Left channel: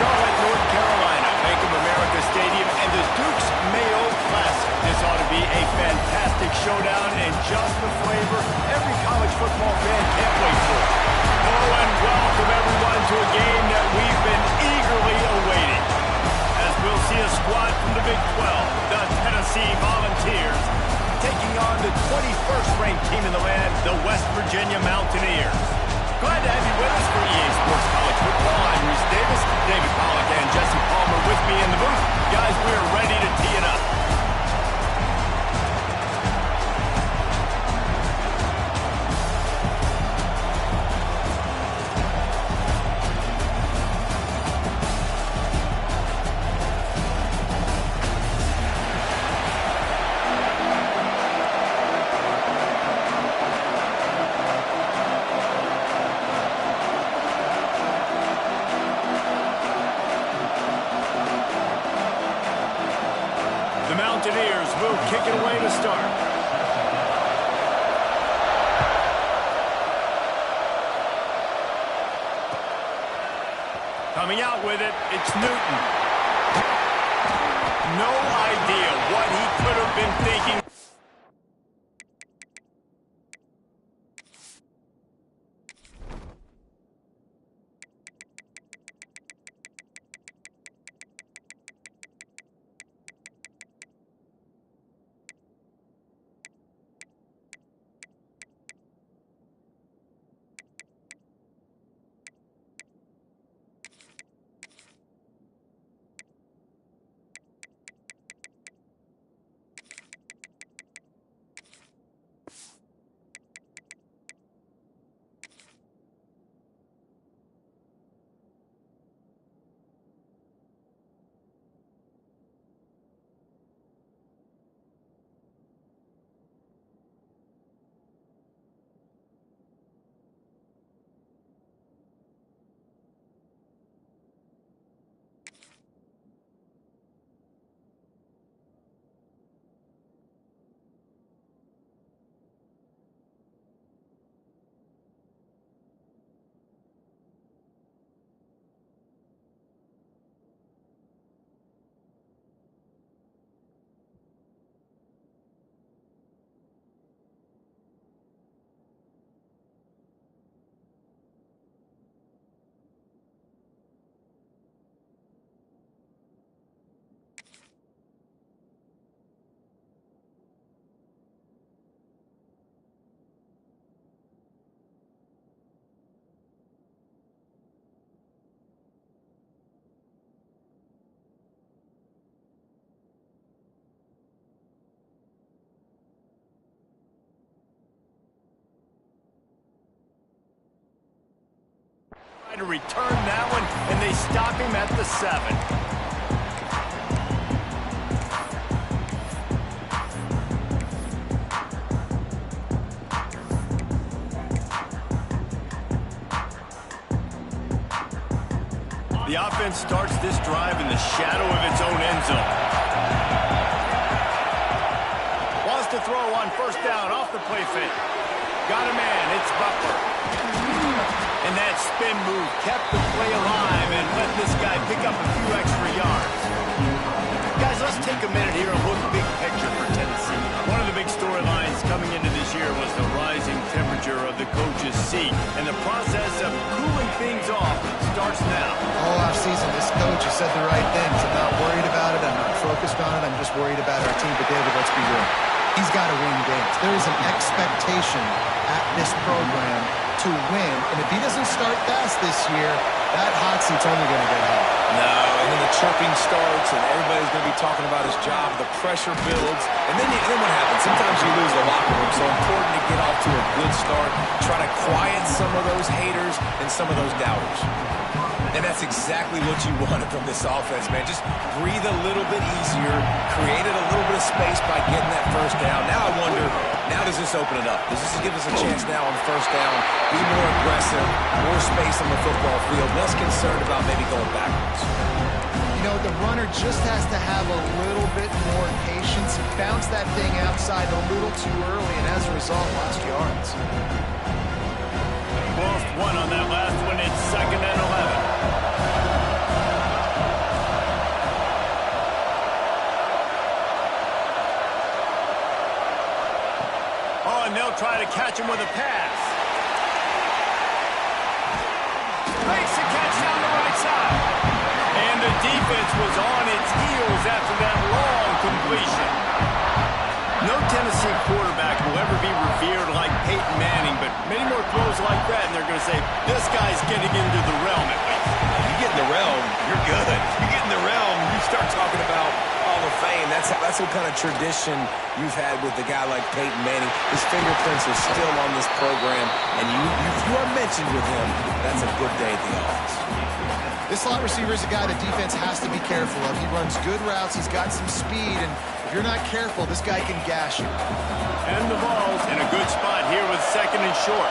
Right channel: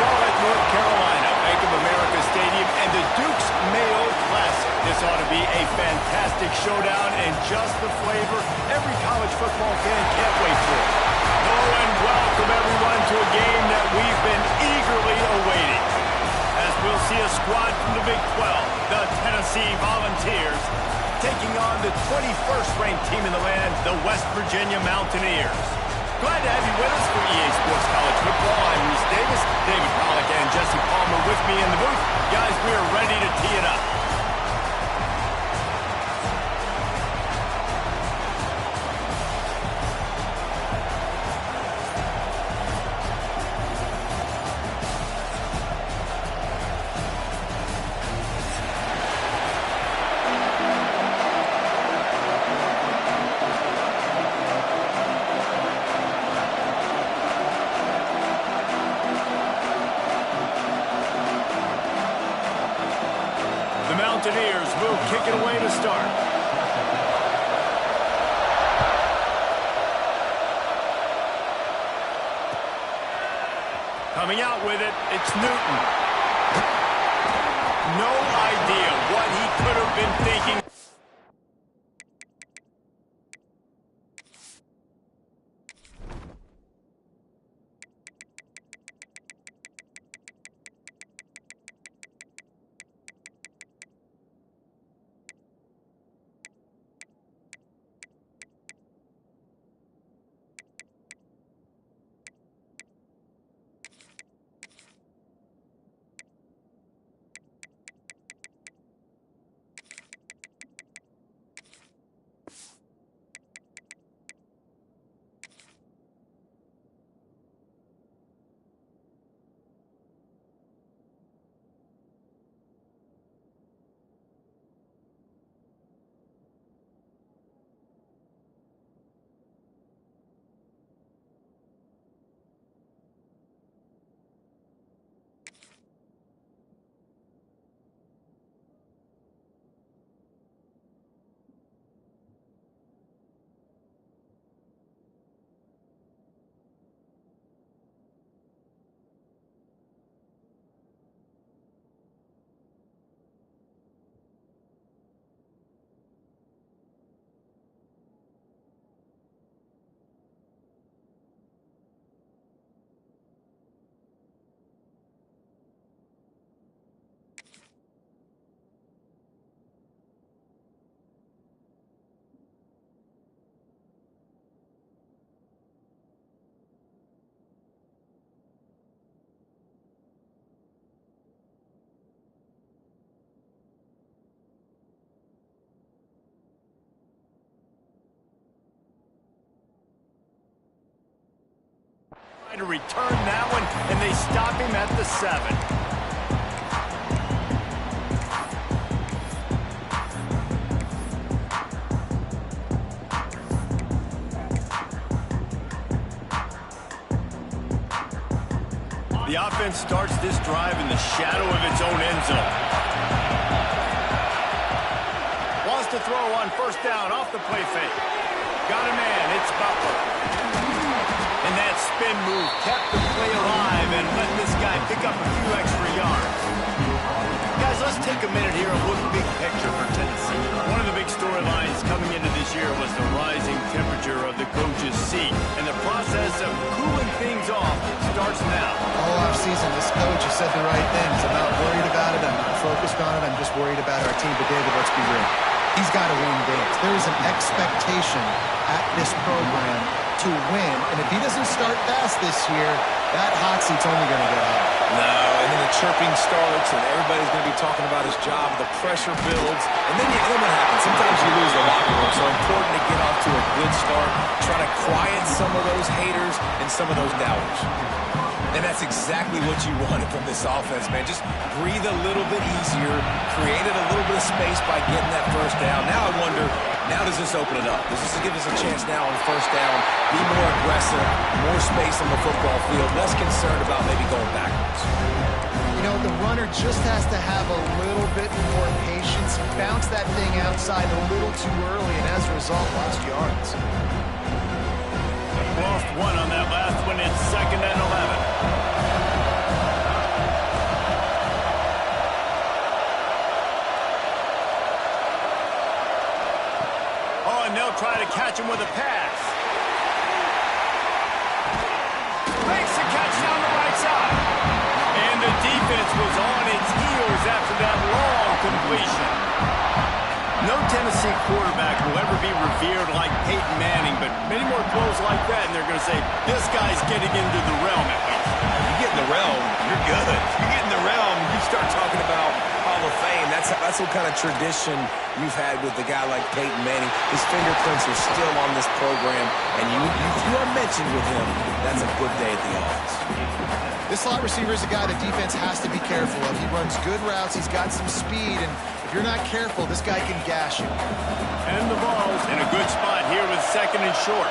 Charlotte, North Carolina, Bank of America Stadium, and the Duke's Mayo Classic. This ought to be a fantastic showdown and just the flavor every college football fan can't wait for. Hello and welcome everyone to a game that we've been eagerly awaiting. As we'll see a squad from the Big 12, the Tennessee Volunteers, taking on the 21st ranked team in the land, the West Virginia Mountaineers. Glad to have you with us for EA Sports College Football. I'm Reese Davis, David Pollack, and Jesse Palmer with me in the booth. Guys, we are ready to tee it up. The Mountaineers will kick it away to start. Coming out with it, it's Newton. No idea what he could have been thinking. To return that one, and they stop him at the 7. The offense starts this drive in the shadow of its own end zone. Wants to throw on first down off the play fake. Got a man, it's Butler. And that spin move kept the play alive and let this guy pick up a few extra yards. Guys, let's take a minute here and look big picture for Tennessee. One of the big storylines coming into this year was the rising temperature of the coach's seat. And the process of cooling things off starts now. All offseason, this coach has said the right things. I'm not worried about it. I'm not focused on it. I'm just worried about our team. But, David, let's be real. He's got to win games. There is an expectation at this program to win, and if he doesn't start fast this year, that hot seat's only going to get hot. No, and then the chirping starts, and everybody's going to be talking about his job. The pressure builds, and then what happens? Sometimes you lose the locker room, so important to get off to a good start, try to quiet some of those haters and some of those doubters. And that's exactly what you wanted from this offense, man. Just breathe a little bit easier, created a little bit of space by getting that first down. Now I wonder, now does this open it up? Does this give us a chance now on first down, be more aggressive, more space on the football field, less concerned about maybe going backwards? You know, the runner just has to have a little bit more patience. He bounced that thing outside a little too early, and as a result, lost yards. Lost one on that last one. It's 2nd and 11. and they'll try to catch him with a pass. Makes the catch down the right side. And the defense was on its heels after that long completion. No Tennessee quarterback will ever be revered like Peyton Manning, but many more throws like that, and they're going to say, this guy's getting into the realm at least. You get in the realm, you're good. You get in the realm, you start talking about Hall of Fame. That's what kind of tradition you've had with a guy like Peyton Manning. His fingerprints are still on this program, and if you are mentioned with him, that's a good day at the office. This slot receiver is a guy the defense has to be careful of. He runs good routes, he's got some speed, and if you're not careful, this guy can gash you. And the ball's in a good spot here with 2nd and short.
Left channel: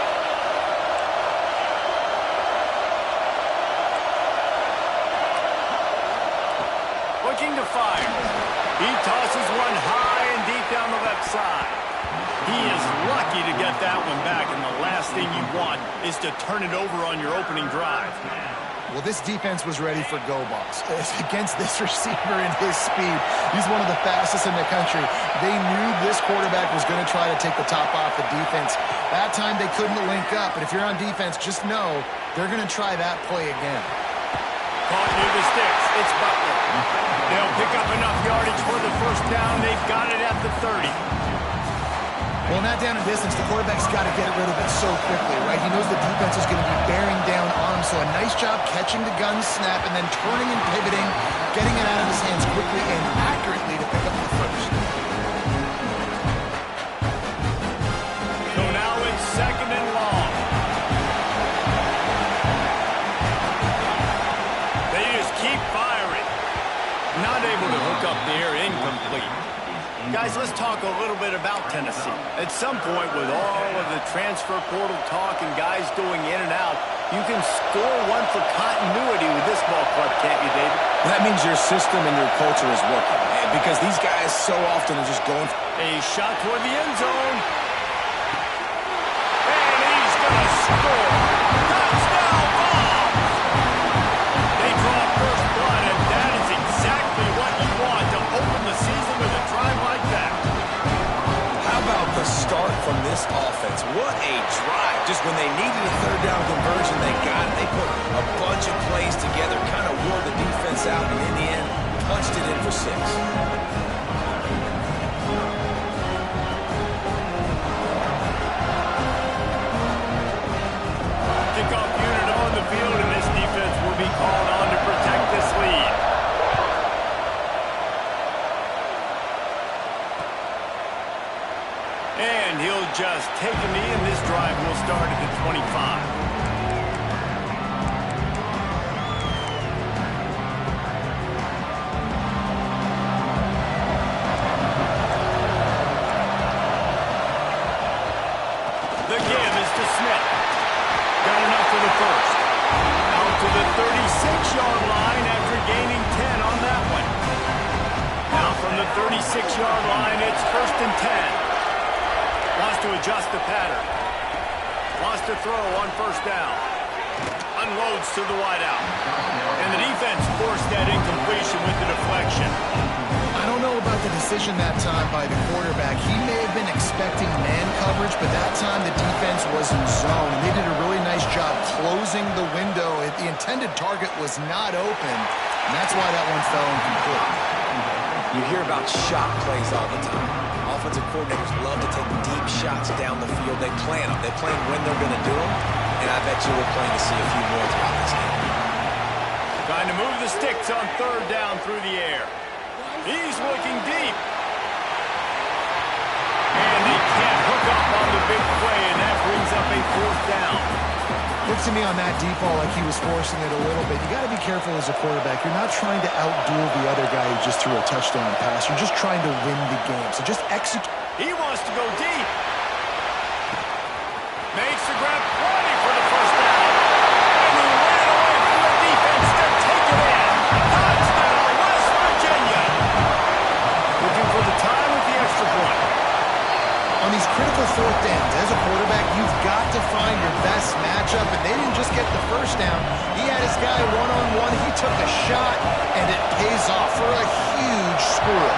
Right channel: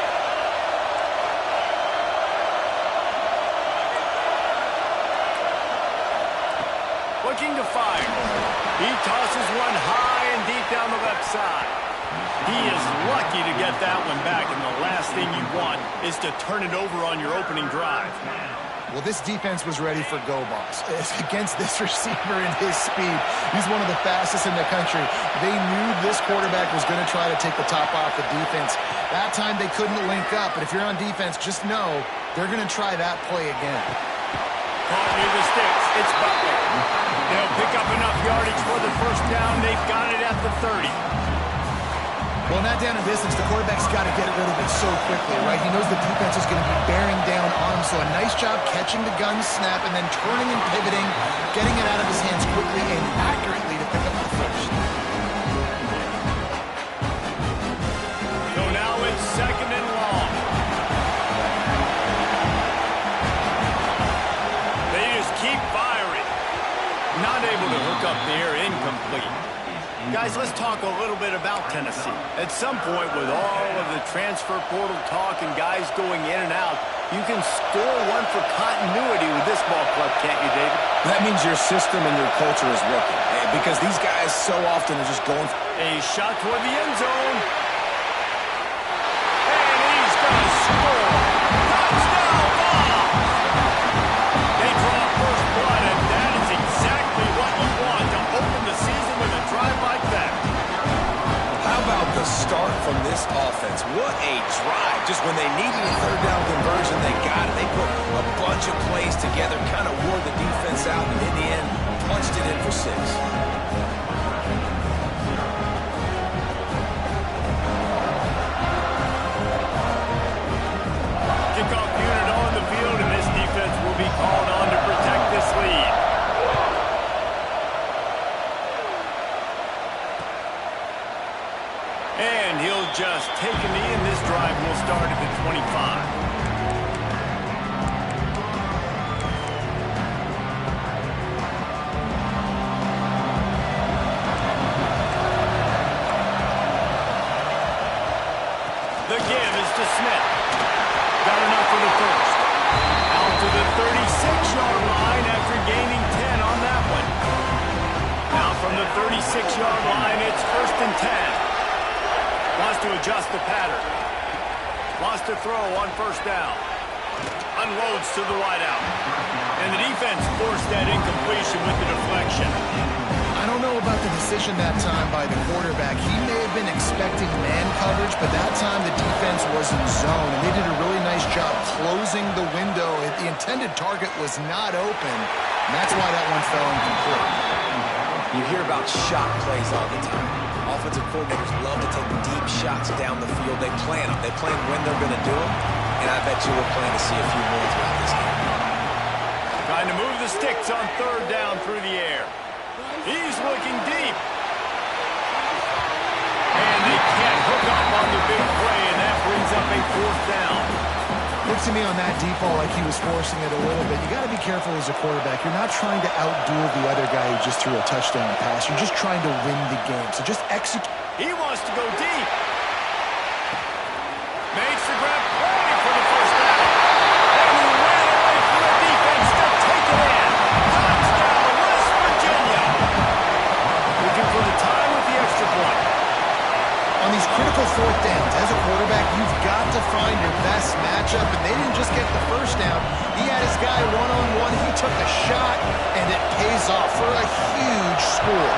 Looking to fire. He tosses one high and deep down the left side. He is lucky to get that one back, and the last thing you want is to turn it over on your opening drive. Well, this defense was ready for go balls. Against this receiver and his speed, he's one of the fastest in the country. They knew this quarterback was going to try to take the top off the defense. That time they couldn't link up, but if you're on defense, just know they're going to try that play again. Caught near the sticks. It's Butler. They'll pick up enough yardage for the first down. They've got it at the 30. Well, in that down and distance, the quarterback's got to get rid of it so quickly, right? He knows the defense is going to be bearing down on him, so a nice job catching the gun snap and then turning and pivoting, getting it out of his hands quickly and accurately to pick up the first. So now it's 2nd and long. They just keep firing. Not able to hook up there, incomplete. Guys, let's talk a little bit about Tennessee. At some point, with all of the transfer portal talk and guys going in and out, you can score one for continuity with this ball club, can't you, David? That means your system and your culture is working, because these guys so often are just going for a shot toward the end zone. And he's going to score. Touchdown, Bombs! They draw first blood, and that is exactly what you want to open the season with a drive like that. How about the start from this offense? What a drive. Just when they needed a 3rd down conversion, they got it. They put a bunch of plays together, kind of wore the defense out, and in the end, punched it in for 6. Kickoff unit on the field, and this defense will be called on to protect this lead. And he'll just take a knee, and this drive will start at the 25. The give is to Smith. Got enough for the first. Out to the 36-yard line after gaining 10 on that one. Now from the 36-yard line, it's 1st and 10. Wants to adjust the pattern. Wants to throw on 1st down. Unloads to the wideout. And the defense forced that incompletion with the deflection. I don't know about the decision that time by the quarterback. He may have been expecting man coverage, but that time the defense was in zone, and they did a really nice job closing the window. The intended target was not open, and that's why that one fell incomplete. You hear about shot plays all the time. Offensive coordinators love to take deep shots down the field. They plan them. They plan when they're going to do them, and I bet you we're planning to see a few more throughout this game. Trying to move the sticks on 3rd down through the air. He's looking deep. And they can't hook up on the big play, and that brings up a 4th down. Looked to me on that deep ball like he was forcing it a little bit. You got to be careful as a quarterback. You're not trying to outduel the other guy who just threw a touchdown pass. You're just trying to win the game. So just execute. He wants to go deep. Makes the grab, plenty for the 1st down. And he ran away from the defense to take it in. Touchdown, West Virginia. Looking for the time with the extra point. On these critical 4th downs, as a quarterback, you've got to find your best matchup, and they didn't just get the 1st down. He had his guy one-on-one. He took a shot, and it pays off for a huge score.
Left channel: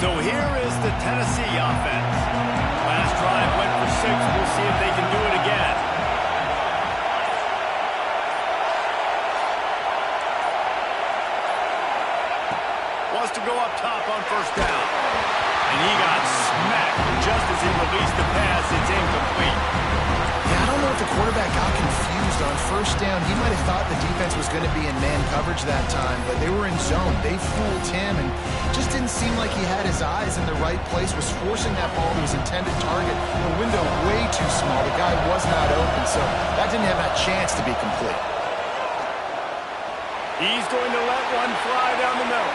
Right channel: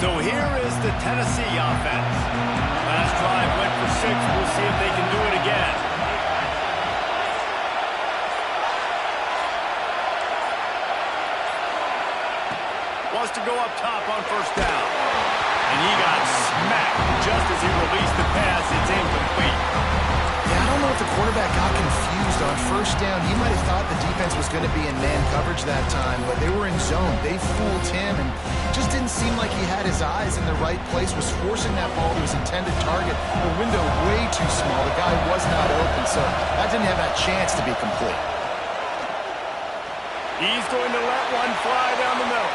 So here is the Tennessee offense. Last drive went for 6. We'll see if they can do it again. Wants to go up top on first down. And he got smacked just as he released the pass. It's incomplete. Yeah, I don't know if the quarterback got confused on first down. He might have thought the defense was going to be in man coverage that time, but they were in zone. They fooled him and just didn't seem like he had his eyes in the right place, was forcing that ball to his intended target. The window way too small. The guy was not open, so that didn't have that chance to be complete. He's going to let one fly down the middle.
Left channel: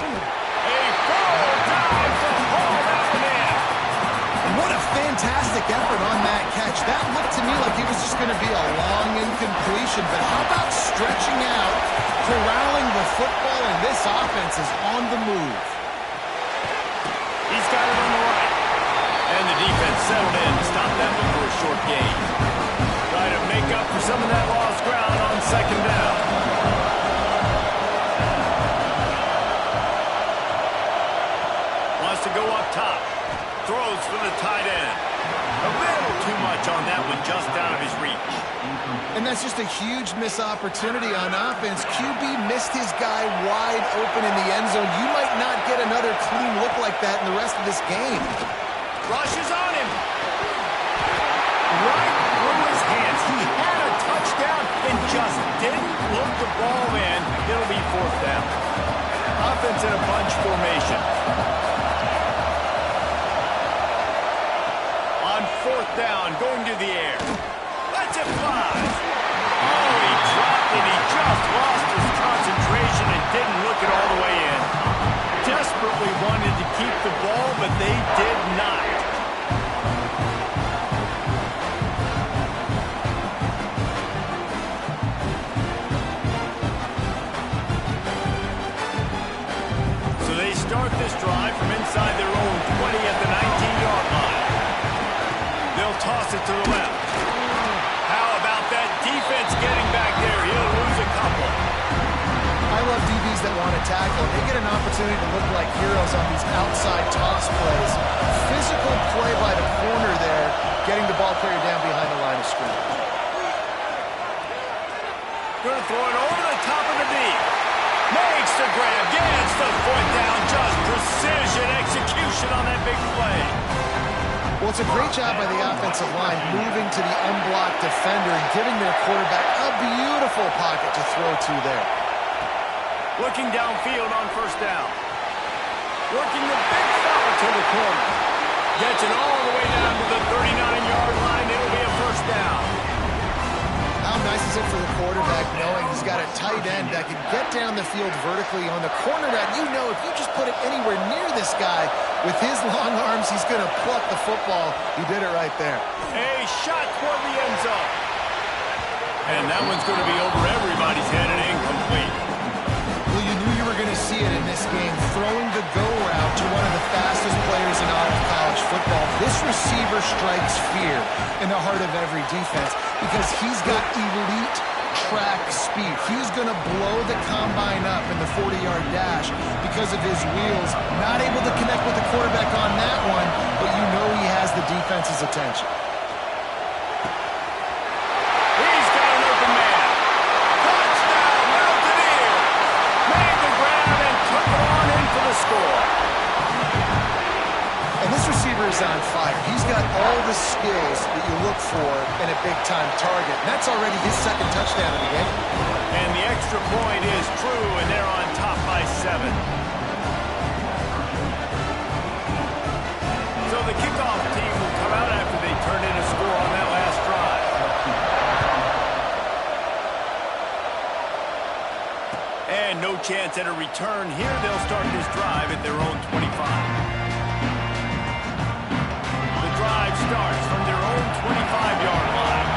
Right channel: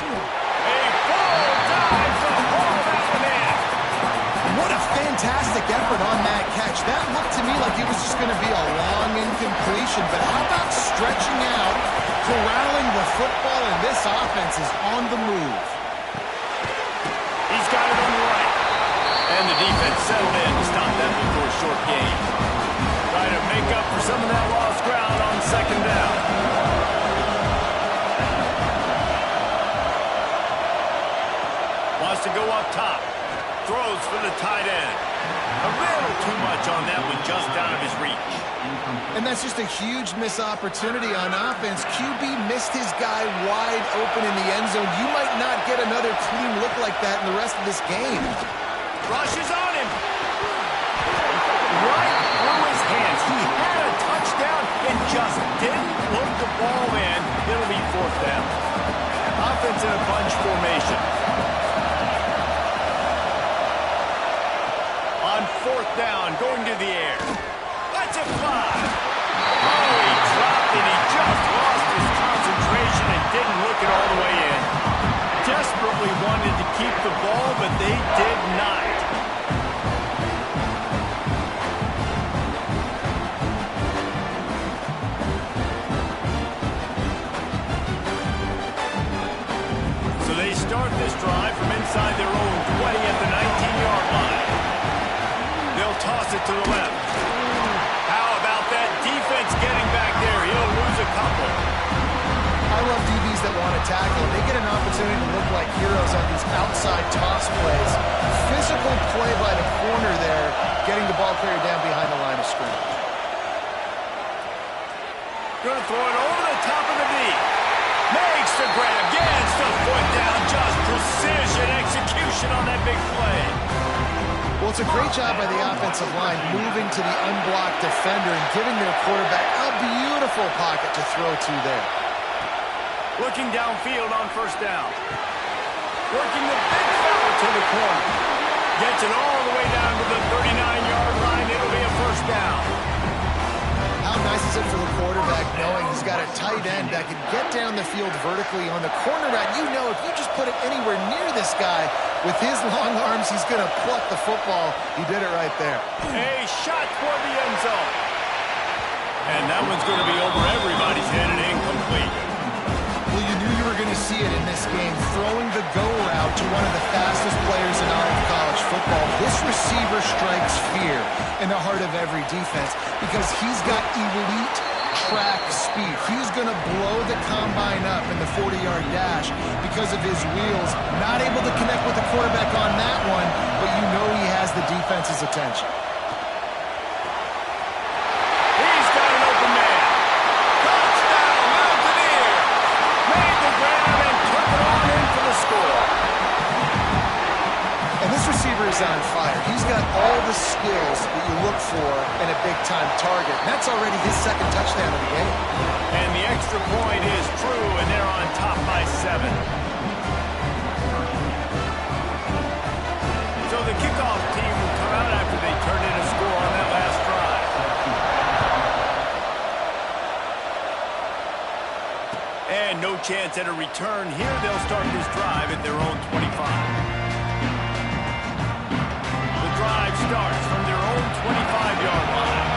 A full dive to haul that one in. What a fantastic effort on that catch. That looked to me like it was just going to be a long incompletion, but how about stretching out, corralling the football, and this offense is on the move. He's got it on the right. And the defense settled in to stop that one for a short gain. Try to make up for some of that lost ground on second down. Wants to go up top. Throws for the tight end. A little too much on that one, just out of his reach. And that's just a huge missed opportunity on offense. QB missed his guy wide open in the end zone. You might not get another clean look like that in the rest of this game. Rushes on him. Right through his hands. He had a touchdown and just didn't look the ball in. It'll be fourth down. Offense in a bunch formation. On fourth down, going to the air. Let's it fly. Oh, he dropped it. He just lost his concentration and didn't look it all the way in. Desperately wanted to keep the ball, but they did not. So they start this drive from inside their own 20 at the 19-yard line. They'll toss it to the left. How about that defense getting back there? He'll lose a couple. I love DBs that want to tackle. They get an opportunity to look like heroes on these outside toss plays. Physical play by the corner there, getting the ball carried down behind the line of scrimmage. Going to throw it over the top of the knee. Makes the grab, gets the foot down. Just precision execution on that big play. Well, it's a great job by the offensive line moving to the unblocked defender and giving their quarterback a beautiful pocket to throw to there. Looking downfield on first down. Working the big fella to the corner. Gets it all the way down to the 39-yard line. It'll be a first down. How nice is it for the quarterback knowing he's got a tight end that can get down the field vertically on the corner route? You know, if you just put it anywhere near this guy, with his long arms, he's going to pluck the football. He did it right there. A shot toward the end zone. And that one's going to be over everybody's head and incomplete. Well, you knew you were going to see it in this game, throwing the go route to one of the fastest players in all of college football. This receiver strikes fear in the heart of every defense because he's got elite track speed. He's going to blow the combine up in the 40-yard dash because of his wheels. Not able to connect with the quarterback on that one, but you know he has the defense's attention. He's got an open man. Touchdown, Mountaineer. Made the grab and took it on in for the score. And this receiver is on fire. He's got all the skills that you look for in a big-time target. And that's already his second touchdown of the game. And the extra point is true, and they're on top by 7. So the kickoff team will come out after they turn in a score on that last drive. And no chance at a return here. They'll start this drive at their own 25. Drive starts from their own 25-yard line.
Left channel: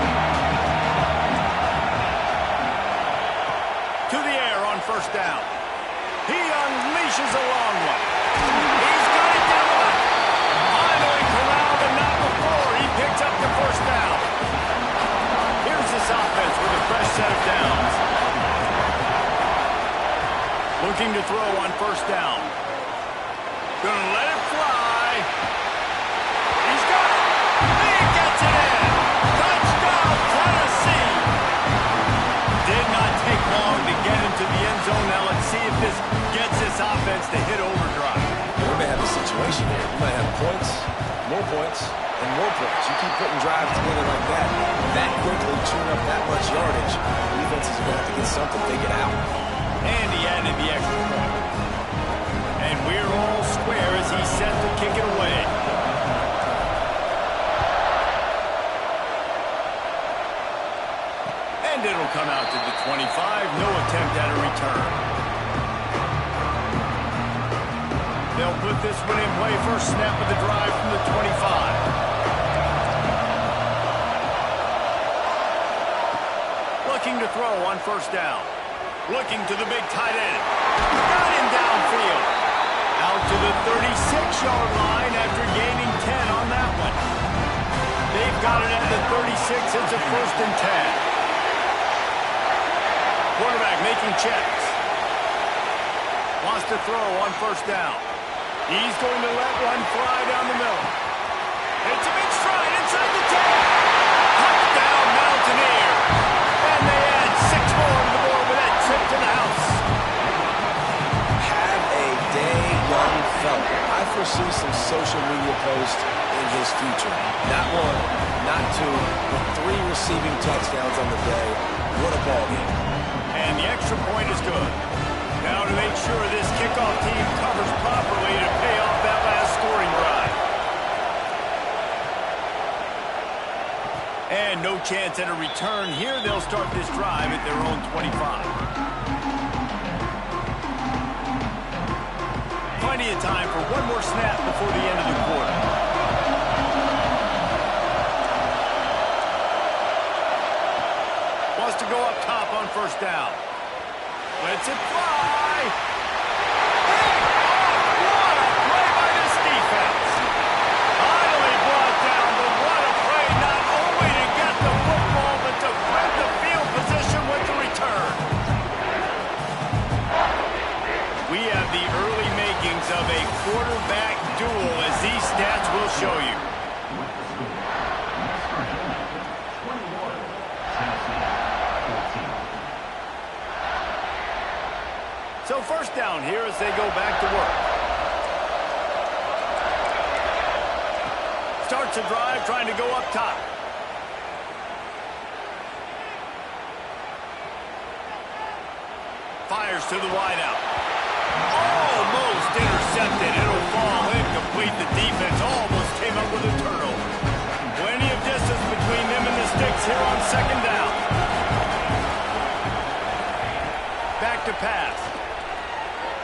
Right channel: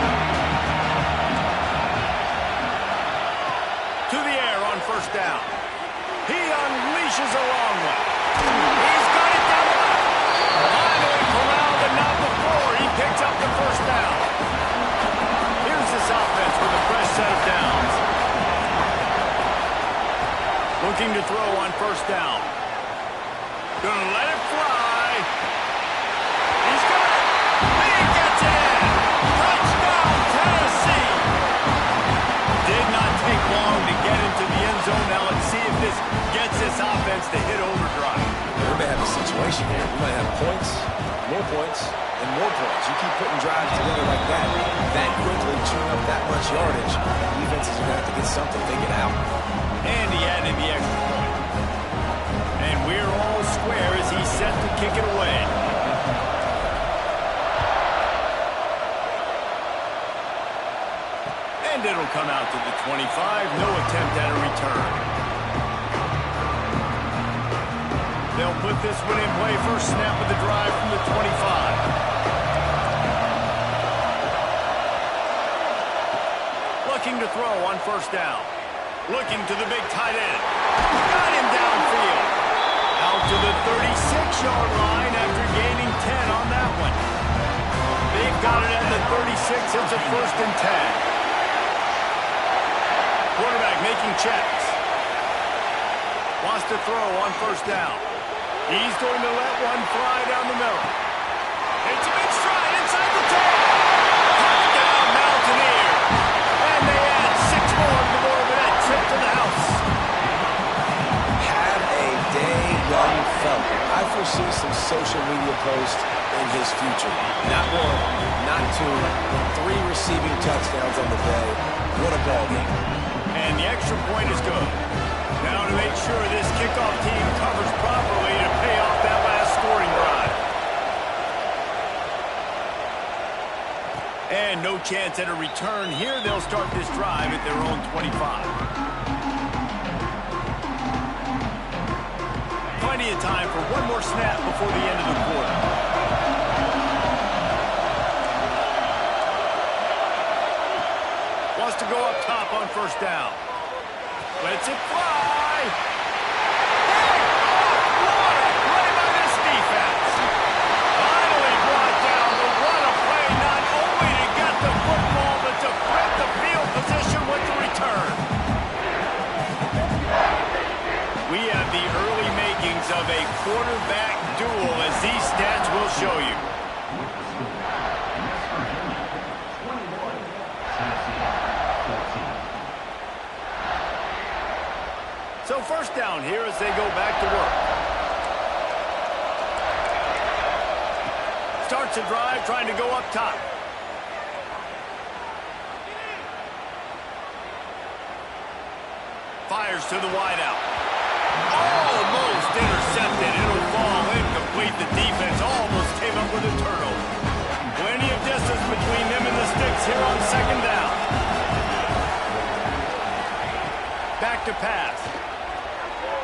To the air on first down. He unleashes a long one. He's got it down the left. Finally corralled, but not before. He picks up the first down. Here's this offense with a fresh set of downs. Looking to throw on first down. Gonna let it fly. He's got it. He gets it in. Touchdown, Tennessee. Did not take long to get into the end zone. Now let's see if this gets this offense to hit overdrive. We may have a situation here. We might have points, and more points. You keep putting drives together like that quickly, chewing up that much yardage, defenses are going to have to get something figured out. And he added the extra point. And we're all square as he's set to kick it away. And it'll come out to the 25. No attempt at a return. They'll put this one in play. First snap of the drive from the 25. Looking to throw on first down. Looking to the big tight end. Got him downfield. Out to the 36-yard line after gaining 10 on that one. They've got it at the 36. It's a 1st and 10. Quarterback making checks. Wants to throw on first down. He's going to let one fly down the middle. It's a big stride inside the 10. Touchdown, Mountaineers. And they add 6 more to the board with that trip to the house. Have a day, young fella. I foresee some social media posts in his future. Not 1, not 2, but 3 receiving touchdowns on the day. What a ball game. And the extra point is good. Now to make sure this kickoff team covers properly to pay off that last scoring drive. And no chance at a return here. They'll start this drive at their own 25. Plenty of time for one more snap before the end of the quarter. Wants to go up top on first down. Lets it fly. Pick off. What a play by this defense. Finally brought down, but what a play, not only to get the football, but to flip the field position with the return. We have the early makings of a quarterback duel, as these stats will show you. So first down here as they go back to work. Starts a drive trying to go up top. Fires to the wideout. Almost intercepted. It'll fall incomplete. The defense almost came up with a turnover. Plenty of distance between them and the sticks here on second down. Back to pass.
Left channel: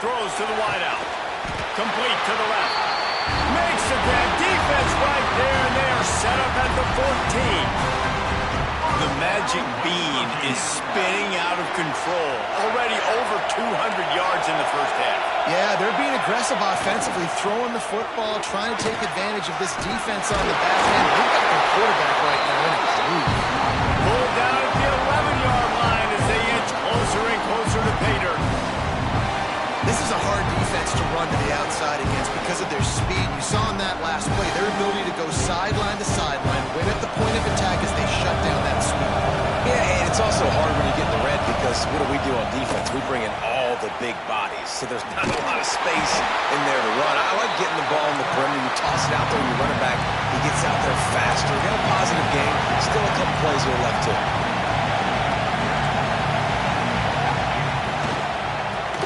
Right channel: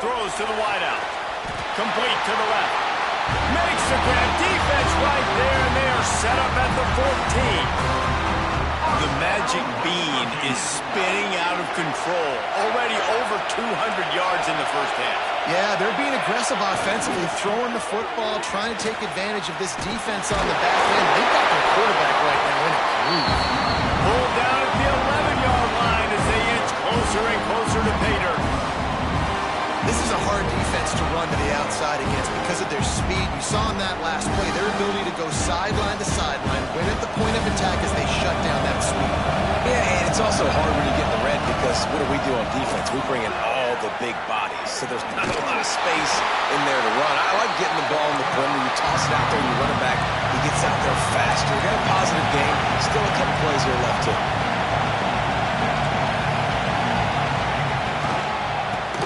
Throws to the wideout. Complete to the left. Makes a grab. Defense right there, and they are set up at the 14. The magic bean is spinning out of control. Already over 200 yards in the first half. Yeah, they're being aggressive offensively, throwing the football, trying to take advantage of this defense on the back end. They've got their quarterback right now in a groove. Pulled down at the 11-yard line as they inch closer and closer to pay dirt. This is a hard defense to run to the outside against because of their speed. You saw in that last play their ability to go sideline to sideline, win at the point of attack as they shut down that sweep. Yeah, and it's also hard when you get in the red because what do we do on defense? We bring in all the big bodies, so there's not a lot of space in there to run. I like getting the ball on the perimeter. You toss it out there, you run it back. He gets out there faster. You got a positive game. Still a couple plays here left too.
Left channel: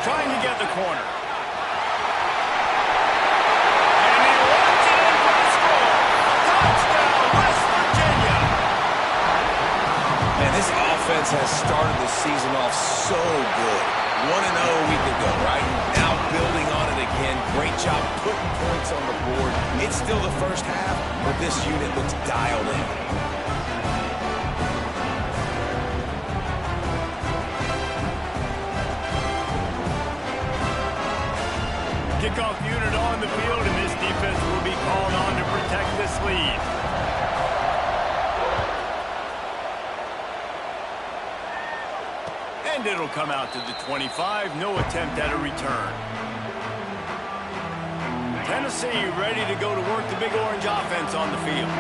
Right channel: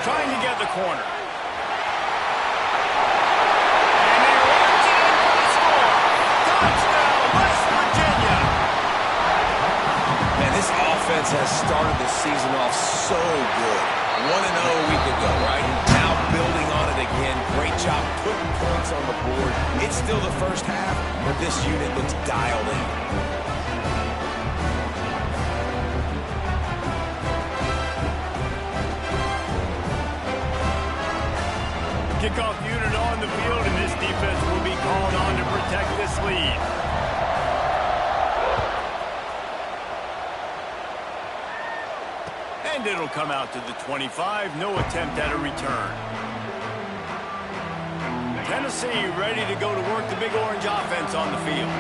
Trying to get the corner. And he runs it in for the score. Touchdown, West Virginia. Man, this offense has started the season off so good. 1-0 a week ago, right? Now building on it again. Great job putting points on the board. It's still the first half, but this unit looks dialed in. Kickoff unit on the field, and this defense will be called on to protect this lead. And it'll come out to the 25. No attempt at a return. Tennessee ready to go to work the Big Orange offense on the field.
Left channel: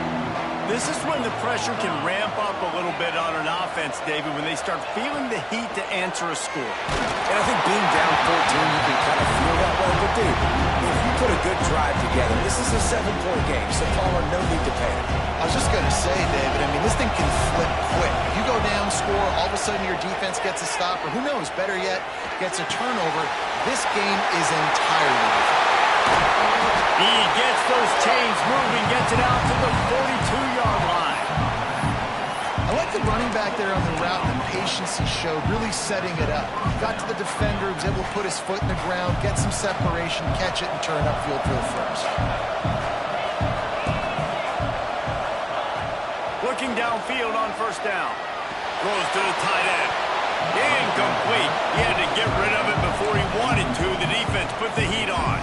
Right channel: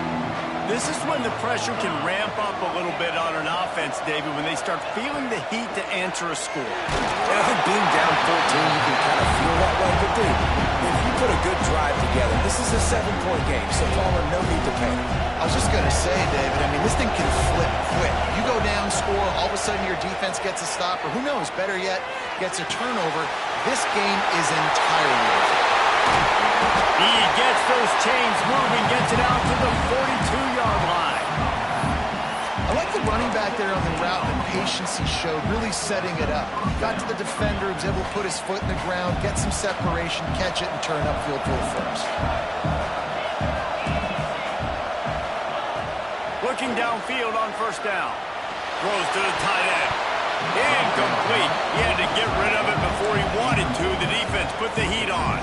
This is when the pressure can ramp up a little bit on an offense, David, when they start feeling the heat to answer a score. And I think being down 14, you can kind of feel that way. But, dude, if you put a good drive together, this is a 7-point game, so Palmer, no need to panic. I was just going to say, David, I mean, this thing can flip quick. You go down, score, all of a sudden your defense gets a stop, or who knows, better yet, gets a turnover. This game is entirely different. He gets those chains moving, gets it out to the 42-yard line. I like the running back there on the route and the patience he showed, really setting it up. He got to the defender, he was able to put his foot in the ground, get some separation, catch it, and turn upfield for the first. Looking downfield on first down. Throws to the tight end. Incomplete. He had to get rid of it before he wanted to. The defense put the heat on.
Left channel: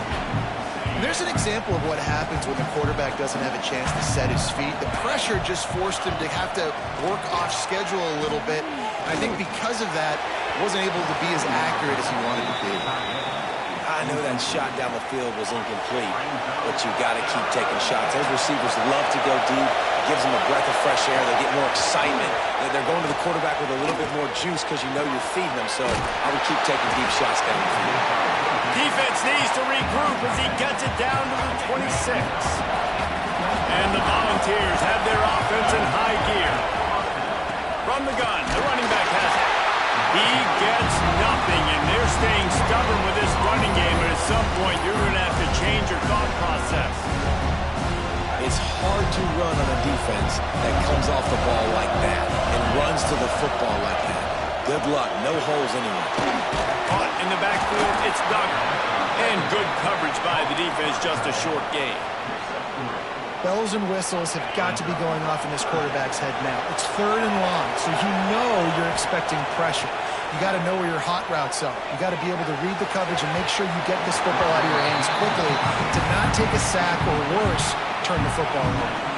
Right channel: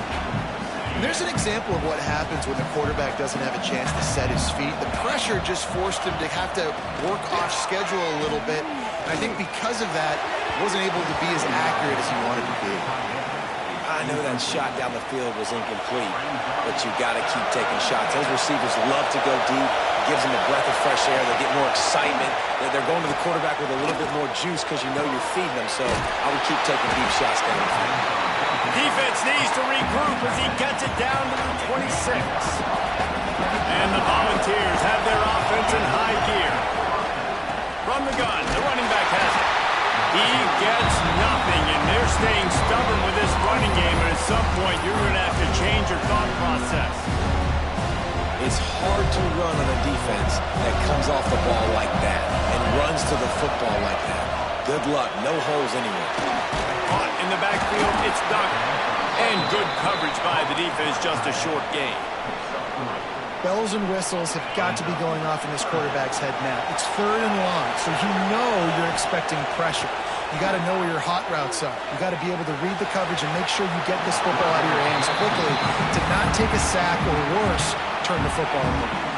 There's an example of what happens when the quarterback doesn't have a chance to set his feet. The pressure just forced him to have to work off schedule a little bit. And I think because of that, wasn't able to be as accurate as he wanted to be. I know that shot down the field was incomplete, but you got to keep taking shots. Those receivers love to go deep. It gives them a breath of fresh air. They get more excitement. They're going to the quarterback with a little bit more juice because you know you're feeding them. So I would keep taking deep shots down the field. Defense needs to regroup as he gets it down to the 26. And the Volunteers have their offense in high gear. From the gun, the running back has it. He gets nothing, and they're staying stubborn with this running game, but at some point you're going to have to change your thought process. It's hard to run on a defense that comes off the ball like that and runs to the football like that. Good luck. No holes anywhere. Caught in the backfield, it's Duggar. And good coverage by the defense, just a short gain. Bells and whistles have got to be going off in this quarterback's head now. It's 3rd and long, so you know you're expecting pressure. You got to know where your hot routes are. You got to be able to read the coverage and make sure you get this football out of your hands quickly to not take a sack or worse, turn the football over.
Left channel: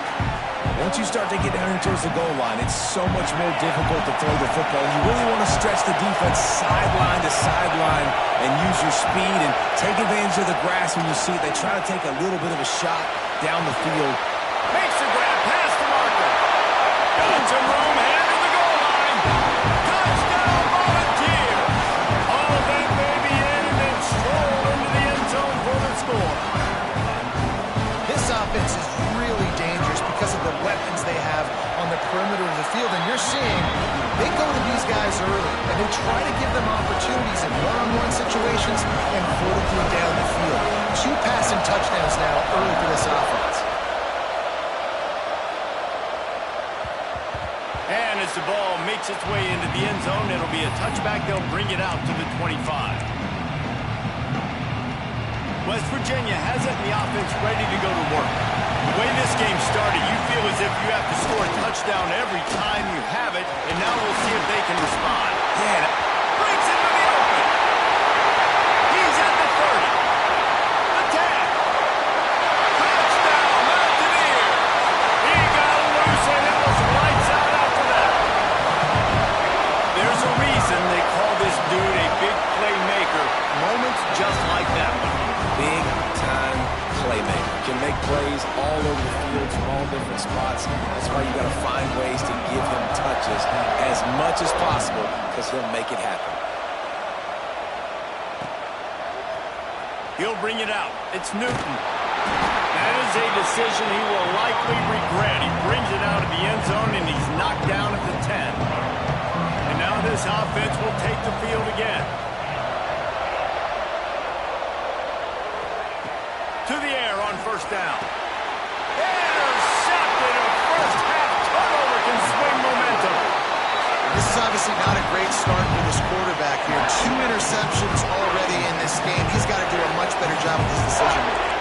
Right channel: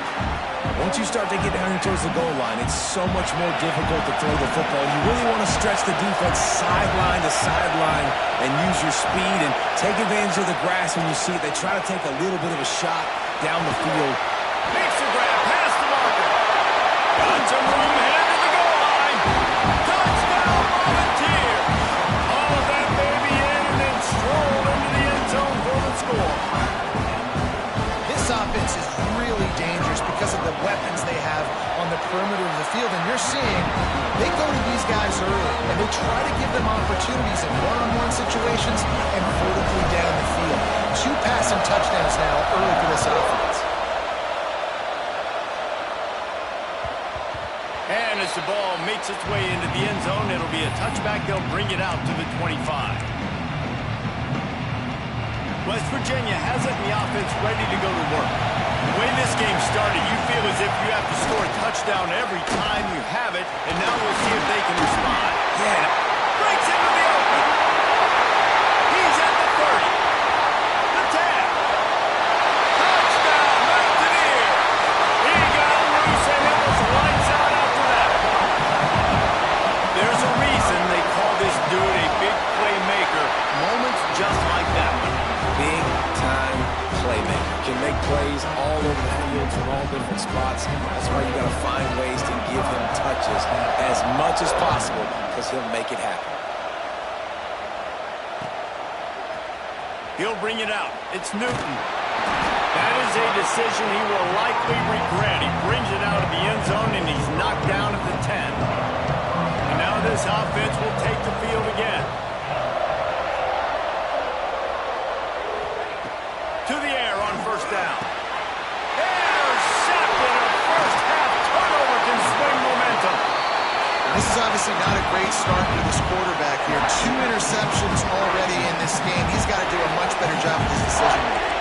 Once you start to get down here towards the goal line, it's so much more difficult to throw the football. And you really want to stretch the defense sideline to sideline and use your speed and take advantage of the grass when you see it. They try to take a little bit of a shot down the field. Makes the grab past the marker. Got some room, headed to the goal line. Touchdown, Volunteers. All of that baby in and then stroll into the end zone for the score. This offense is really dangerous because of the weapons they have on the perimeter of the field. And you're seeing they go to these guys early, and they try to give them opportunities in one-on-one situations and vertically down the field. 2 passing touchdowns now early for this offense. And as the ball makes its way into the end zone, it'll be a touchback. They'll bring it out to the 25. West Virginia has it in the offense ready to go to work. The way this game started, you feel as if you have to score a touchdown every time you have it, and now we'll see if they can respond. Yeah. Breaks into the open. He's at the 30. The 10. Touchdown, Mountaineers. He got loose, and it was lights out after that. There's a reason they call this dude a big playmaker. Moments just like that one. Big-time playmaker. Can make plays all over the field from all different spots. That's why you got to find ways to give him touches as much as possible because he'll make it happen. He'll bring it out. It's Newton. That is a decision he will likely regret. He brings it out of the end zone, and he's knocked down at the 10. And now this offense will take the field again. To the air on first down. Intercepted. A first-half turnover can swing momentum. This is obviously not a great start for this quarterback here. 2 interceptions already in this game. He's got to do a much better job with his decision-making.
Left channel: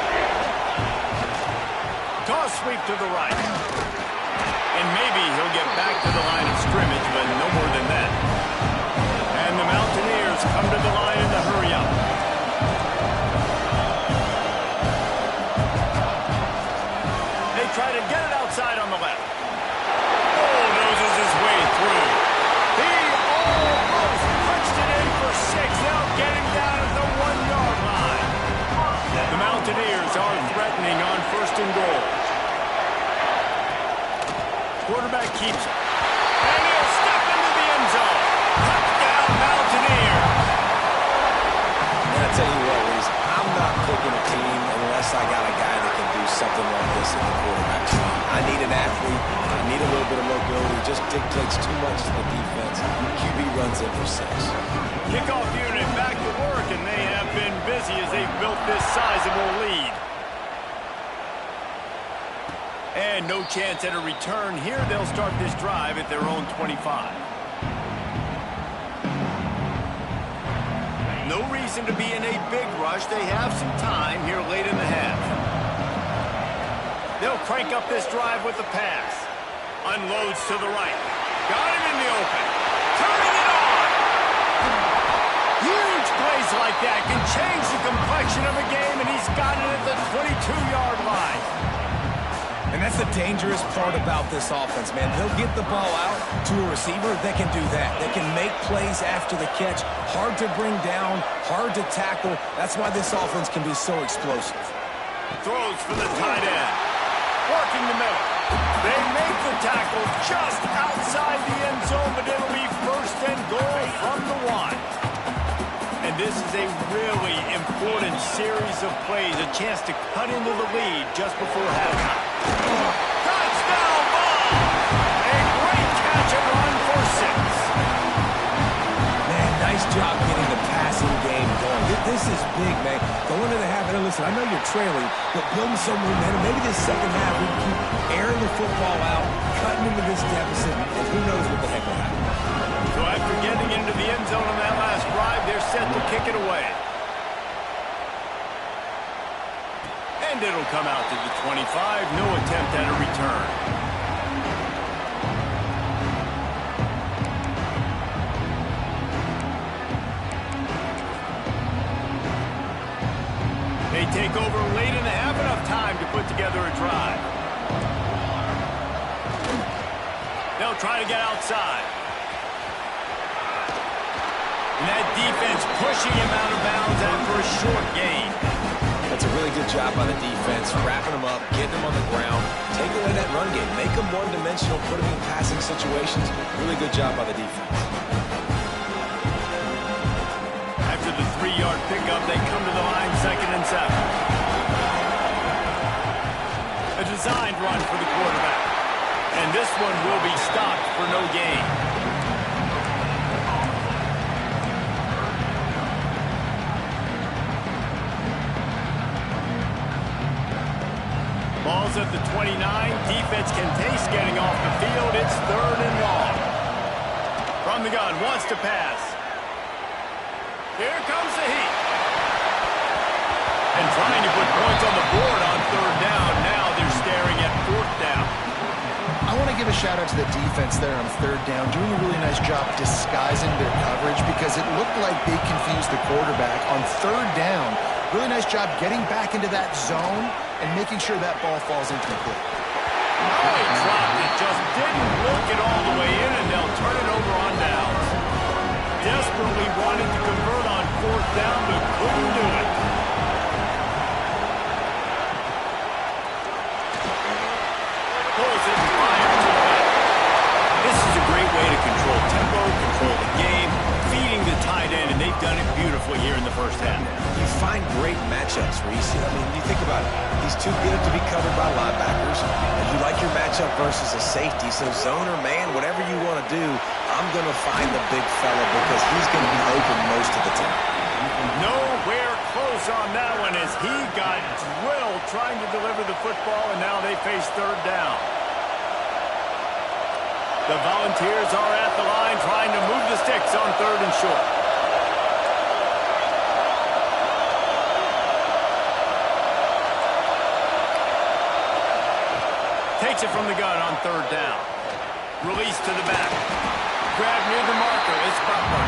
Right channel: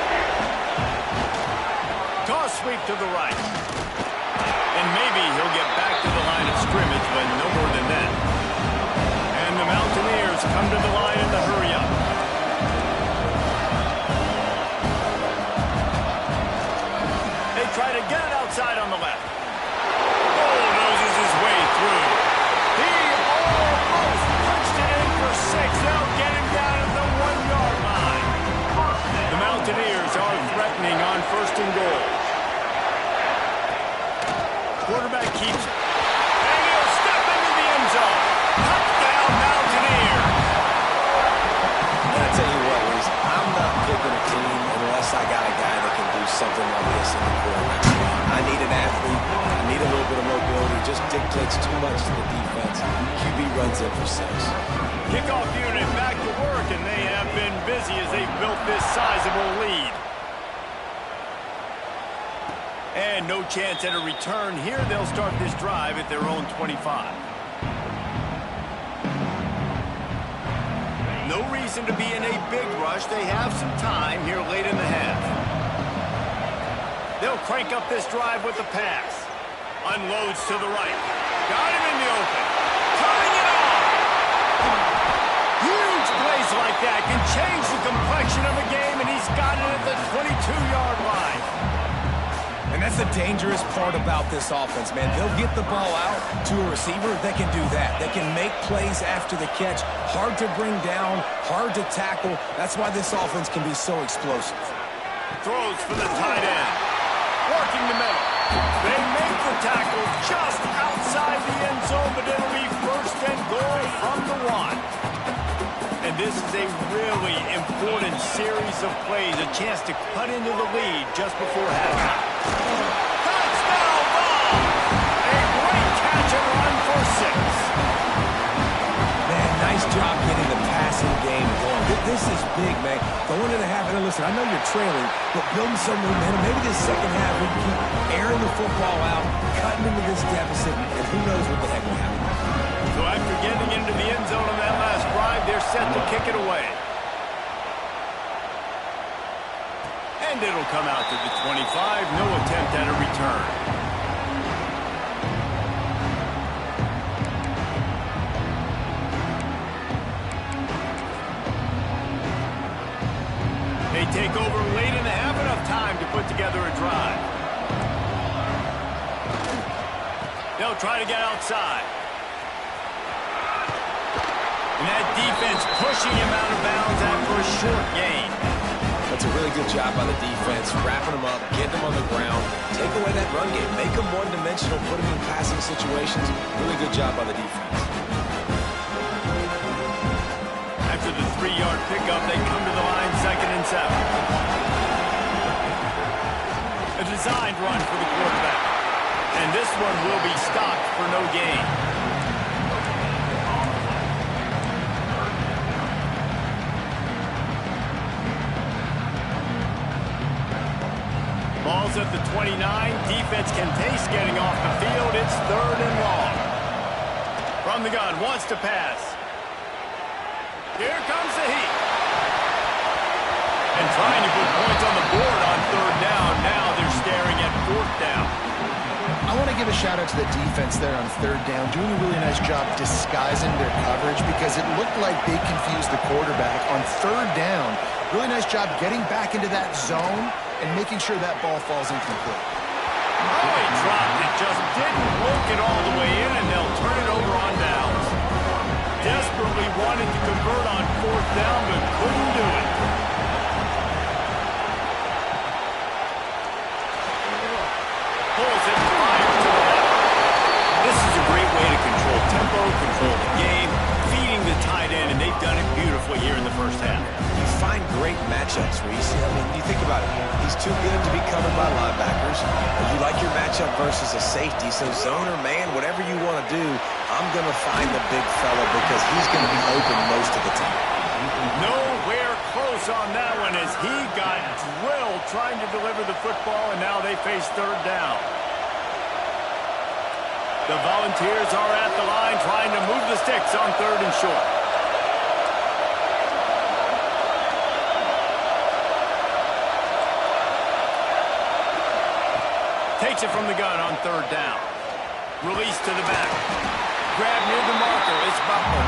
Toss sweep to the right. And maybe he'll get back to the line of scrimmage, but no more than that. And the Mountaineers come to the line in the hurry-up. Try to get it outside on the left. Bulldozes his way through. He almost punched it in for 6. They'll get him down at the 1-yard line. The Mountaineers are threatening on 1st and goal. Quarterback keeps it. And he'll step into the end zone. Touchdown, Mountaineers. And I tell you what, Reese, I'm not picking a team unless I got a guy that can do something like this in the quarterback spot. I need an athlete. I need a little bit of mobility. It just dictates too much to the defense. QB runs in for 6. Kickoff unit back to work, and they have been busy as they've built this sizable lead. And no chance at a return here. They'll start this drive at their own 25. No reason to be in a big rush. They have some time here late in the half. They'll crank up this drive with the pass. Unloads to the right. Got him in the open. Turning it on. Huge plays like that can change the complexion of a game, and he's got it at the 22-yard line. And that's the dangerous part about this offense, man. They'll get the ball out to a receiver that can do that. They can make plays after the catch. Hard to bring down, hard to tackle. That's why this offense can be so explosive. Throws for the tight end. Working the middle. They make the tackle just outside the end zone, but it'll be 1st and goal from the 1. And this is a really important series of plays, a chance to cut into the lead just before halftime. Touchdown ball! A great catch and run for 6. Man, nice job getting the passing game going. This is big, man. Going into the half, and listen, I know you're trailing, but building some momentum. Maybe this second half we can keep airing the football out, cutting into this deficit, and who knows what the heck will happen. So after getting into the end zone on that last drive, they're set to kick it away. And it'll come out to the 25. No attempt at a return. They take over late in the half, enough time to put together a drive. They'll try to get outside. And that defense pushing him out of bounds after a short gain. That's a really good job by the defense, wrapping them up, getting them on the ground, take away that run game, make them one-dimensional, put them in passing situations. Really good job by the defense. After the 3-yard pickup, they come to the line 2nd and 7. A designed run for the quarterback. And this one will be stopped for no gain. Ball's at the 29. Defense can taste getting off the field. It's 3rd and long. From the gun, wants to pass. Here comes the heat. And trying to put points on the board on 3rd down. Now they're staring at 4th down. I want to give a shout-out to the defense there on 3rd down, doing a really nice job disguising their coverage because it looked like they confused the quarterback on 3rd down. Really nice job getting back into that zone and making sure that ball falls incomplete. Oh, he dropped it. Just didn't look it all the way in, and they'll turn it over on downs. Desperately wanted to convert on 4th down, but couldn't do it. Pulls it, fires to the left. This is a great way to control tempo, control the game, feeding the tight end, and they've done it beautifully here in the first half. You find great matchups, Reese. I mean, you think about it. He's too good to be covered by linebackers. You like your matchup versus a safety, so zone or man, whatever you want to do, I'm going to find the big fella because he's going to be open most of the time. Nowhere close on that one as he got drilled trying to deliver the football, and now they face 3rd down. The Volunteers are at the line trying to move the sticks on 3rd and short. Takes it from the gun on 3rd down. Release to the back. Grab near the marker. It's Butler.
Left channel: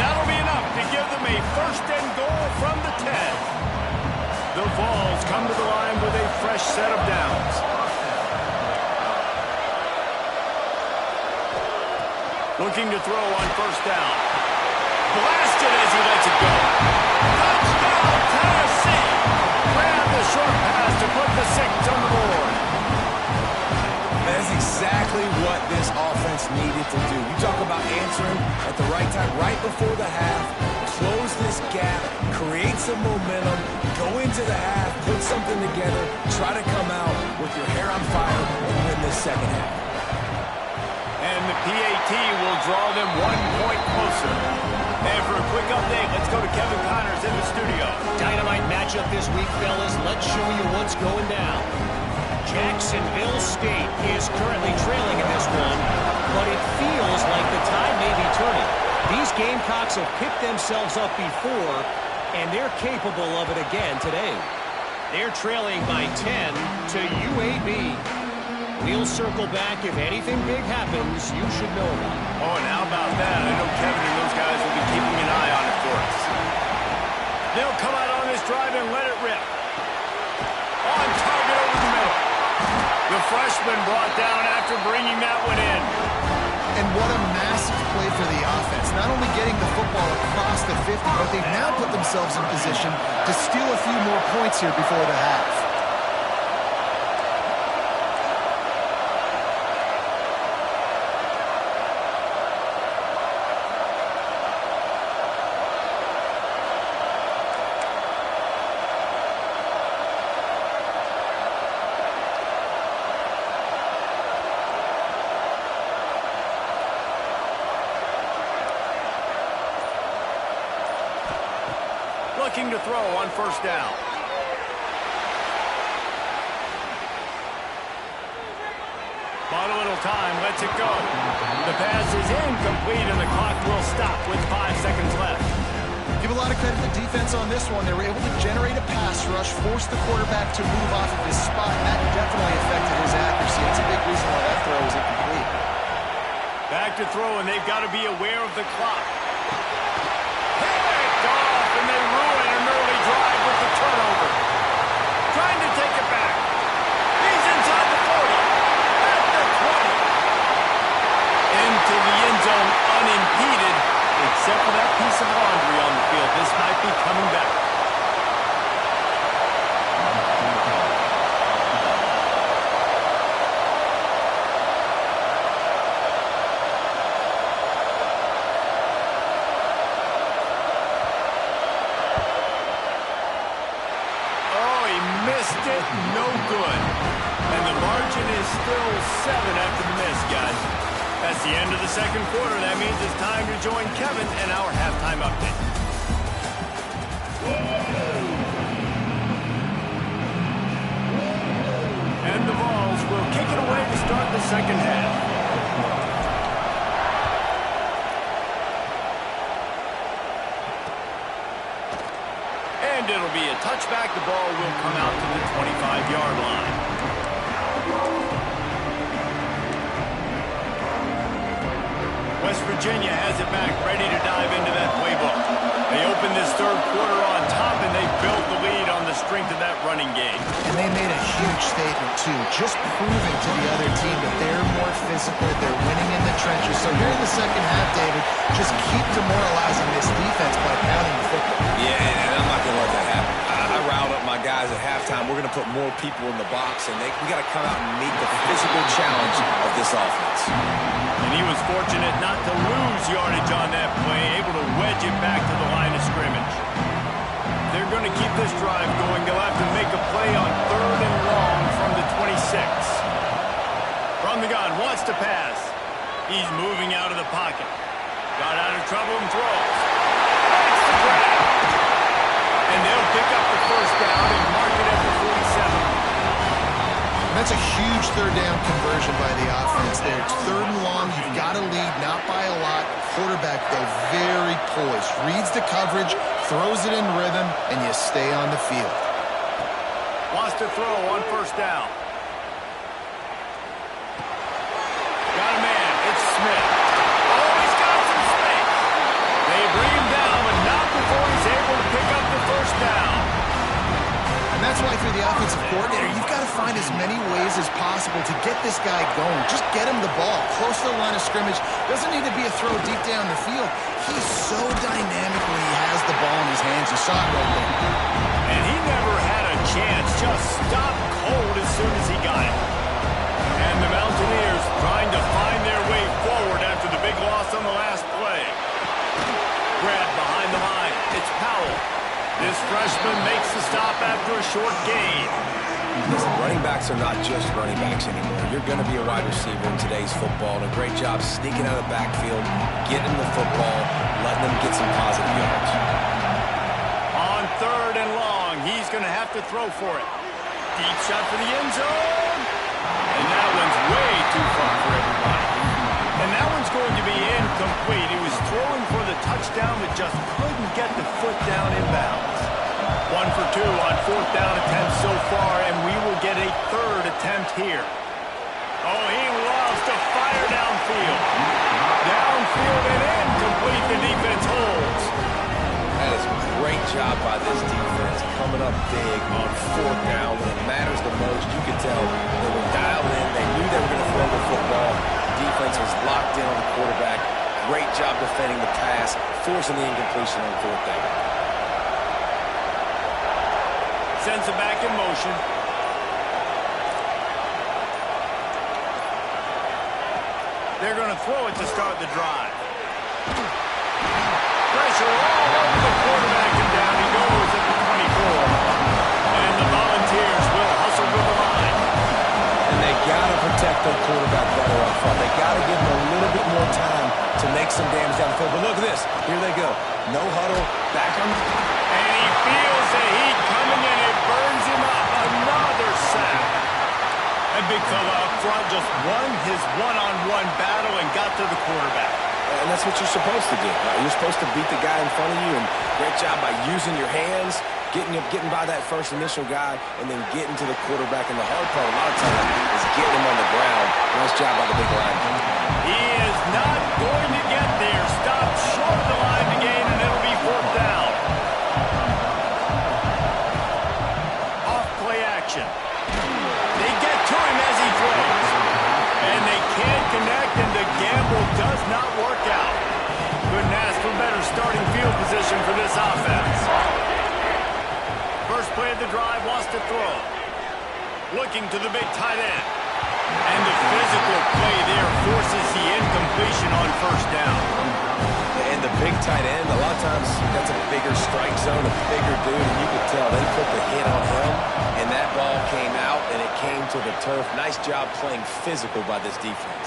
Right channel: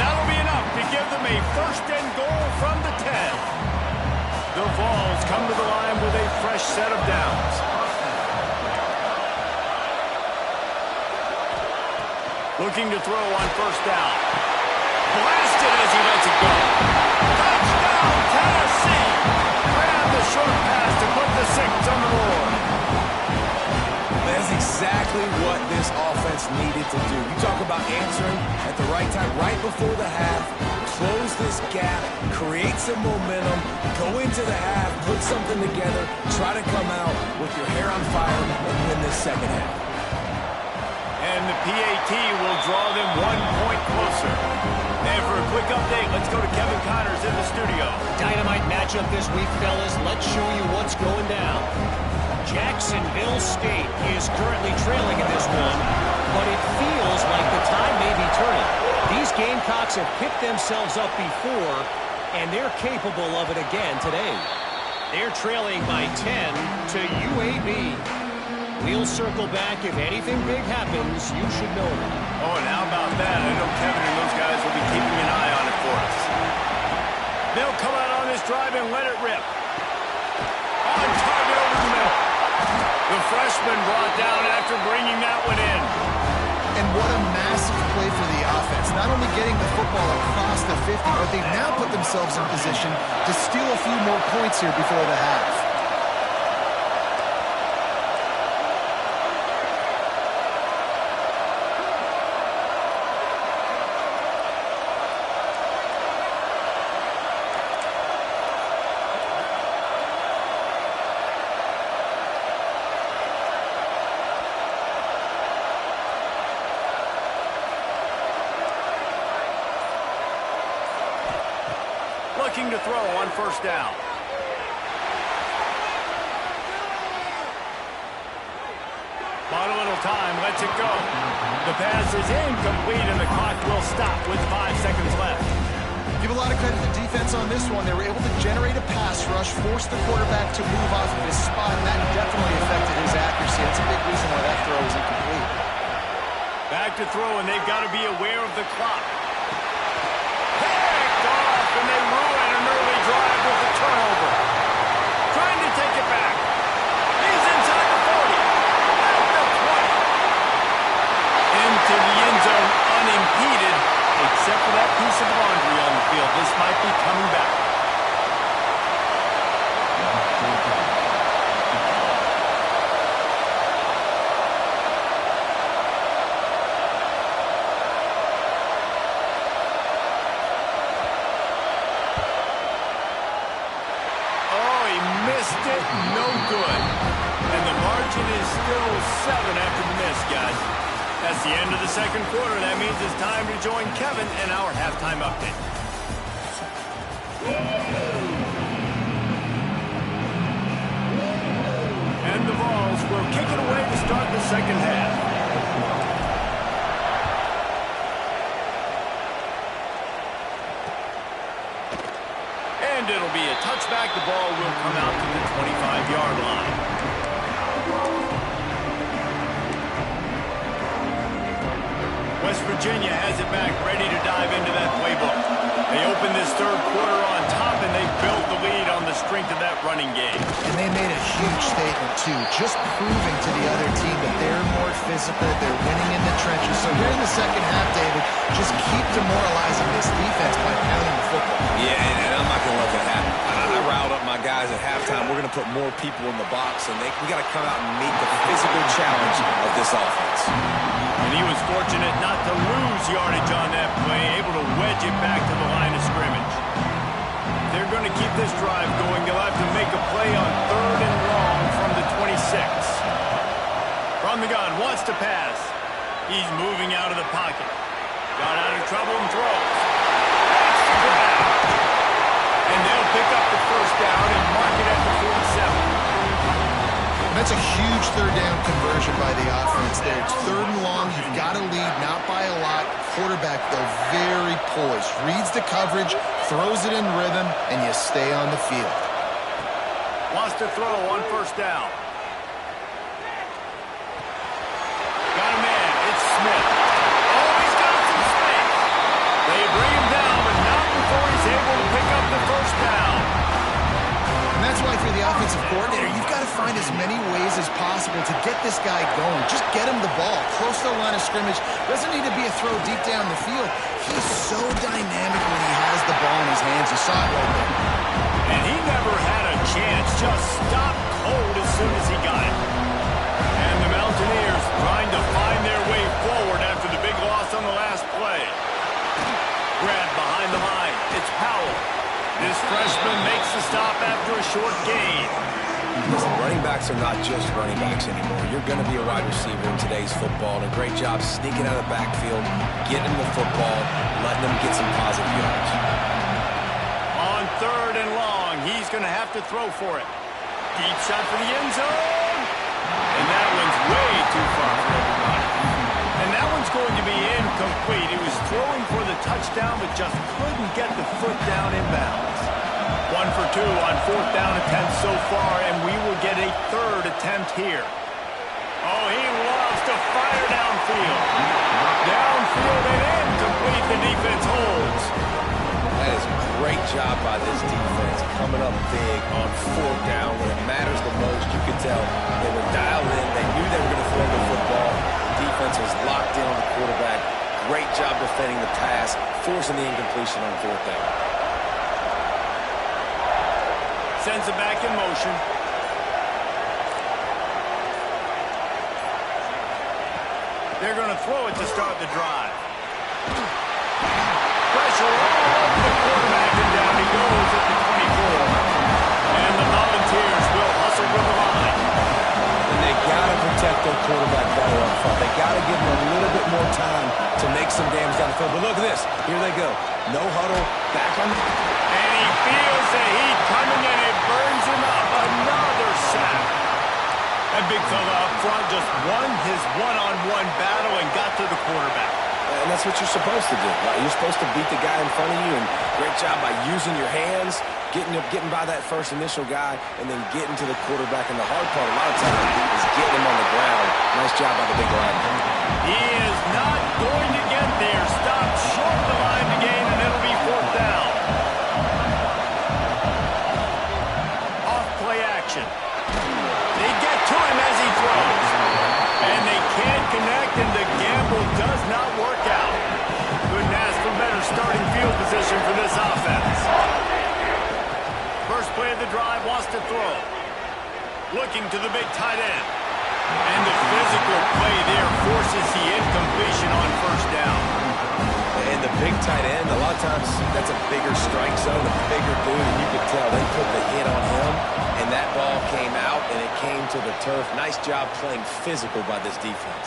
That'll be enough to give them a 1st and goal from the 10. The Vols come to the line with a fresh set of downs. Looking to throw on 1st down. Blasted as he lets it go. Touchdown, Tennessee! Grab put the 6 on the board. That's exactly what this offense needed to do. You talk about answering at the right time, right before the half, close this gap, create some momentum, go into the half, put something together, try to come out with your hair on fire and win this second half. And the PAT will draw them 1 point closer. And for a quick update, let's go to Kevin Connors in the studio. Dynamite matchup this week, fellas. Let's show you what's going down. Jacksonville State is currently trailing in this one, but it feels like the tide may be turning. These Gamecocks have picked themselves up before, and they're capable of it again today. They're trailing by 10 to UAB. We'll circle back. If anything big happens, you should know about it. Oh, and how about that? I know Kevin and those guys will be keeping an eye on it for us. They'll come out on this drive and let it rip. On target over the middle. The freshman brought down after bringing that one in. And what a massive play for the offense. Not only getting the football across the 50, but they've now put themselves in position to steal a few more points here before the half. Looking to throw on first down. Bought a little time, lets it go. The pass is incomplete, and the clock will stop with 5 seconds left. Give a lot of credit to the defense on this one. They were able to generate a pass rush, force the quarterback to move off of his spot, and that definitely affected his accuracy. That's a big reason why that throw was incomplete. Back to throw, and they've got to be aware of the clock. Picked off, and they ruin an early drive with the turnover. Trying to take it back. He's inside the 40. At the 20. Into the end zone unimpeded, except for that piece of laundry on the field. This might be coming back. Missed it, no good. And the margin is still 7 after the miss, guys. That's the end of the second quarter. That means it's time to join Kevin and our halftime update. And the Vols will kick it away to start the second half. And it'll be a touchback. The ball will come out to the 25-yard line. West Virginia has it back, ready to dive into that playbook. They opened this third quarter on top, and they built the lead on the strength of that running game. And they made a huge statement, too, just proving to the other team that they're more physical, they're winning in the trenches. So here in the second half, David, just keep demoralizing this defense by pounding the football. Yeah, and I'm not going to let that happen. I riled up my guys at halftime. We're going to put more people in the box, and we got to come out and meet the physical challenge of this offense. And he was fortunate not to lose yardage on that play, able to wedge it back to the line of scrimmage. They're going to keep this drive going. They'll have to make a play on 3rd and long from the 26. From the gun, wants to pass. He's moving out of the pocket. Got out of trouble and throws. Makes the grab. And they'll pick up the first down and mark it at the 47. That's a huge third down conversion by the offense there. It's 3rd and long. You've got to lead, not by a lot. Quarterback, though, very poised. Reads the coverage, throws it in rhythm, and you stay on the field. Wants to throw on first down. Got a man. It's Smith. Oh, he's got some space. They bring him down, but not before he's able to pick up the first down. And that's why for the offensive coordinator, you've got to find as many ways as possible to get this guy going. Just get him the ball close to the line of scrimmage. Doesn't need to be a throw deep down the field. He's so dynamic when he has the ball in his hands. You saw it right there. And he never had a chance. Just stopped cold as soon as he got it. And the Mountaineers trying to find their way forward after the big loss on the last play. Grab behind the line. It's Powell. This freshman makes the stop after a short gain. Listen, running backs are not just running backs anymore. You're going to be a wide receiver in today's football. And a great job sneaking out of the backfield, getting the football, letting them get some positive yards. On 3rd and long, he's going to have to throw for it. Deep shot for the end zone. And that one's way too far for everybody. And that one's going to be incomplete. He was throwing for the touchdown, but just couldn't get the foot down inbounds. 1 for 2 on 4th down attempts so far, and we will get a 3rd attempt here. Oh, he loves to fire downfield. Downfield and incomplete. The defense holds. That is a great job by this defense, coming up big on 4th down when it matters the most. You could tell they were dialed in. They knew they were going to throw the football. The defense was locked in on the quarterback. Great job defending the pass, forcing the incompletion on 4th down. Sends it back in motion. They're going to throw it to start the drive. Pressure all over the quarterback, and down he goes at the 24. And the Volunteers will hustle to the line. And they got to protect their quarterback better up front. They got to give him a little bit more time to make some damage down the field. But look at this. Here they go. No huddle. Back on. And he feels the heat coming, and it burns him up. Another sack. That big fella up front just won his one-on-one battle and got to the quarterback. And that's what you're supposed to do. You're supposed to beat the guy in front of you, and great job by using your hands, getting by that first initial guy, and then getting to the quarterback. And the hard part a lot of times is getting him on the ground. Nice job by the big lineman. He is not going to get there. Stopped short of the line to gain, and it'll be 4th down. Off play action. They get to him as he throws. And they can't connect, and the gamble does not work out. Couldn't ask for better starting field position for this offense. First play of the drive, wants to throw. Looking to the big tight end. And the physical play there forces the incompletion on 1st down. And the big tight end, a lot of times that's a bigger strike zone, a bigger dude, and you could tell they put the hit on him, and that ball came out, and it came to the turf. Nice job playing physical by this defense.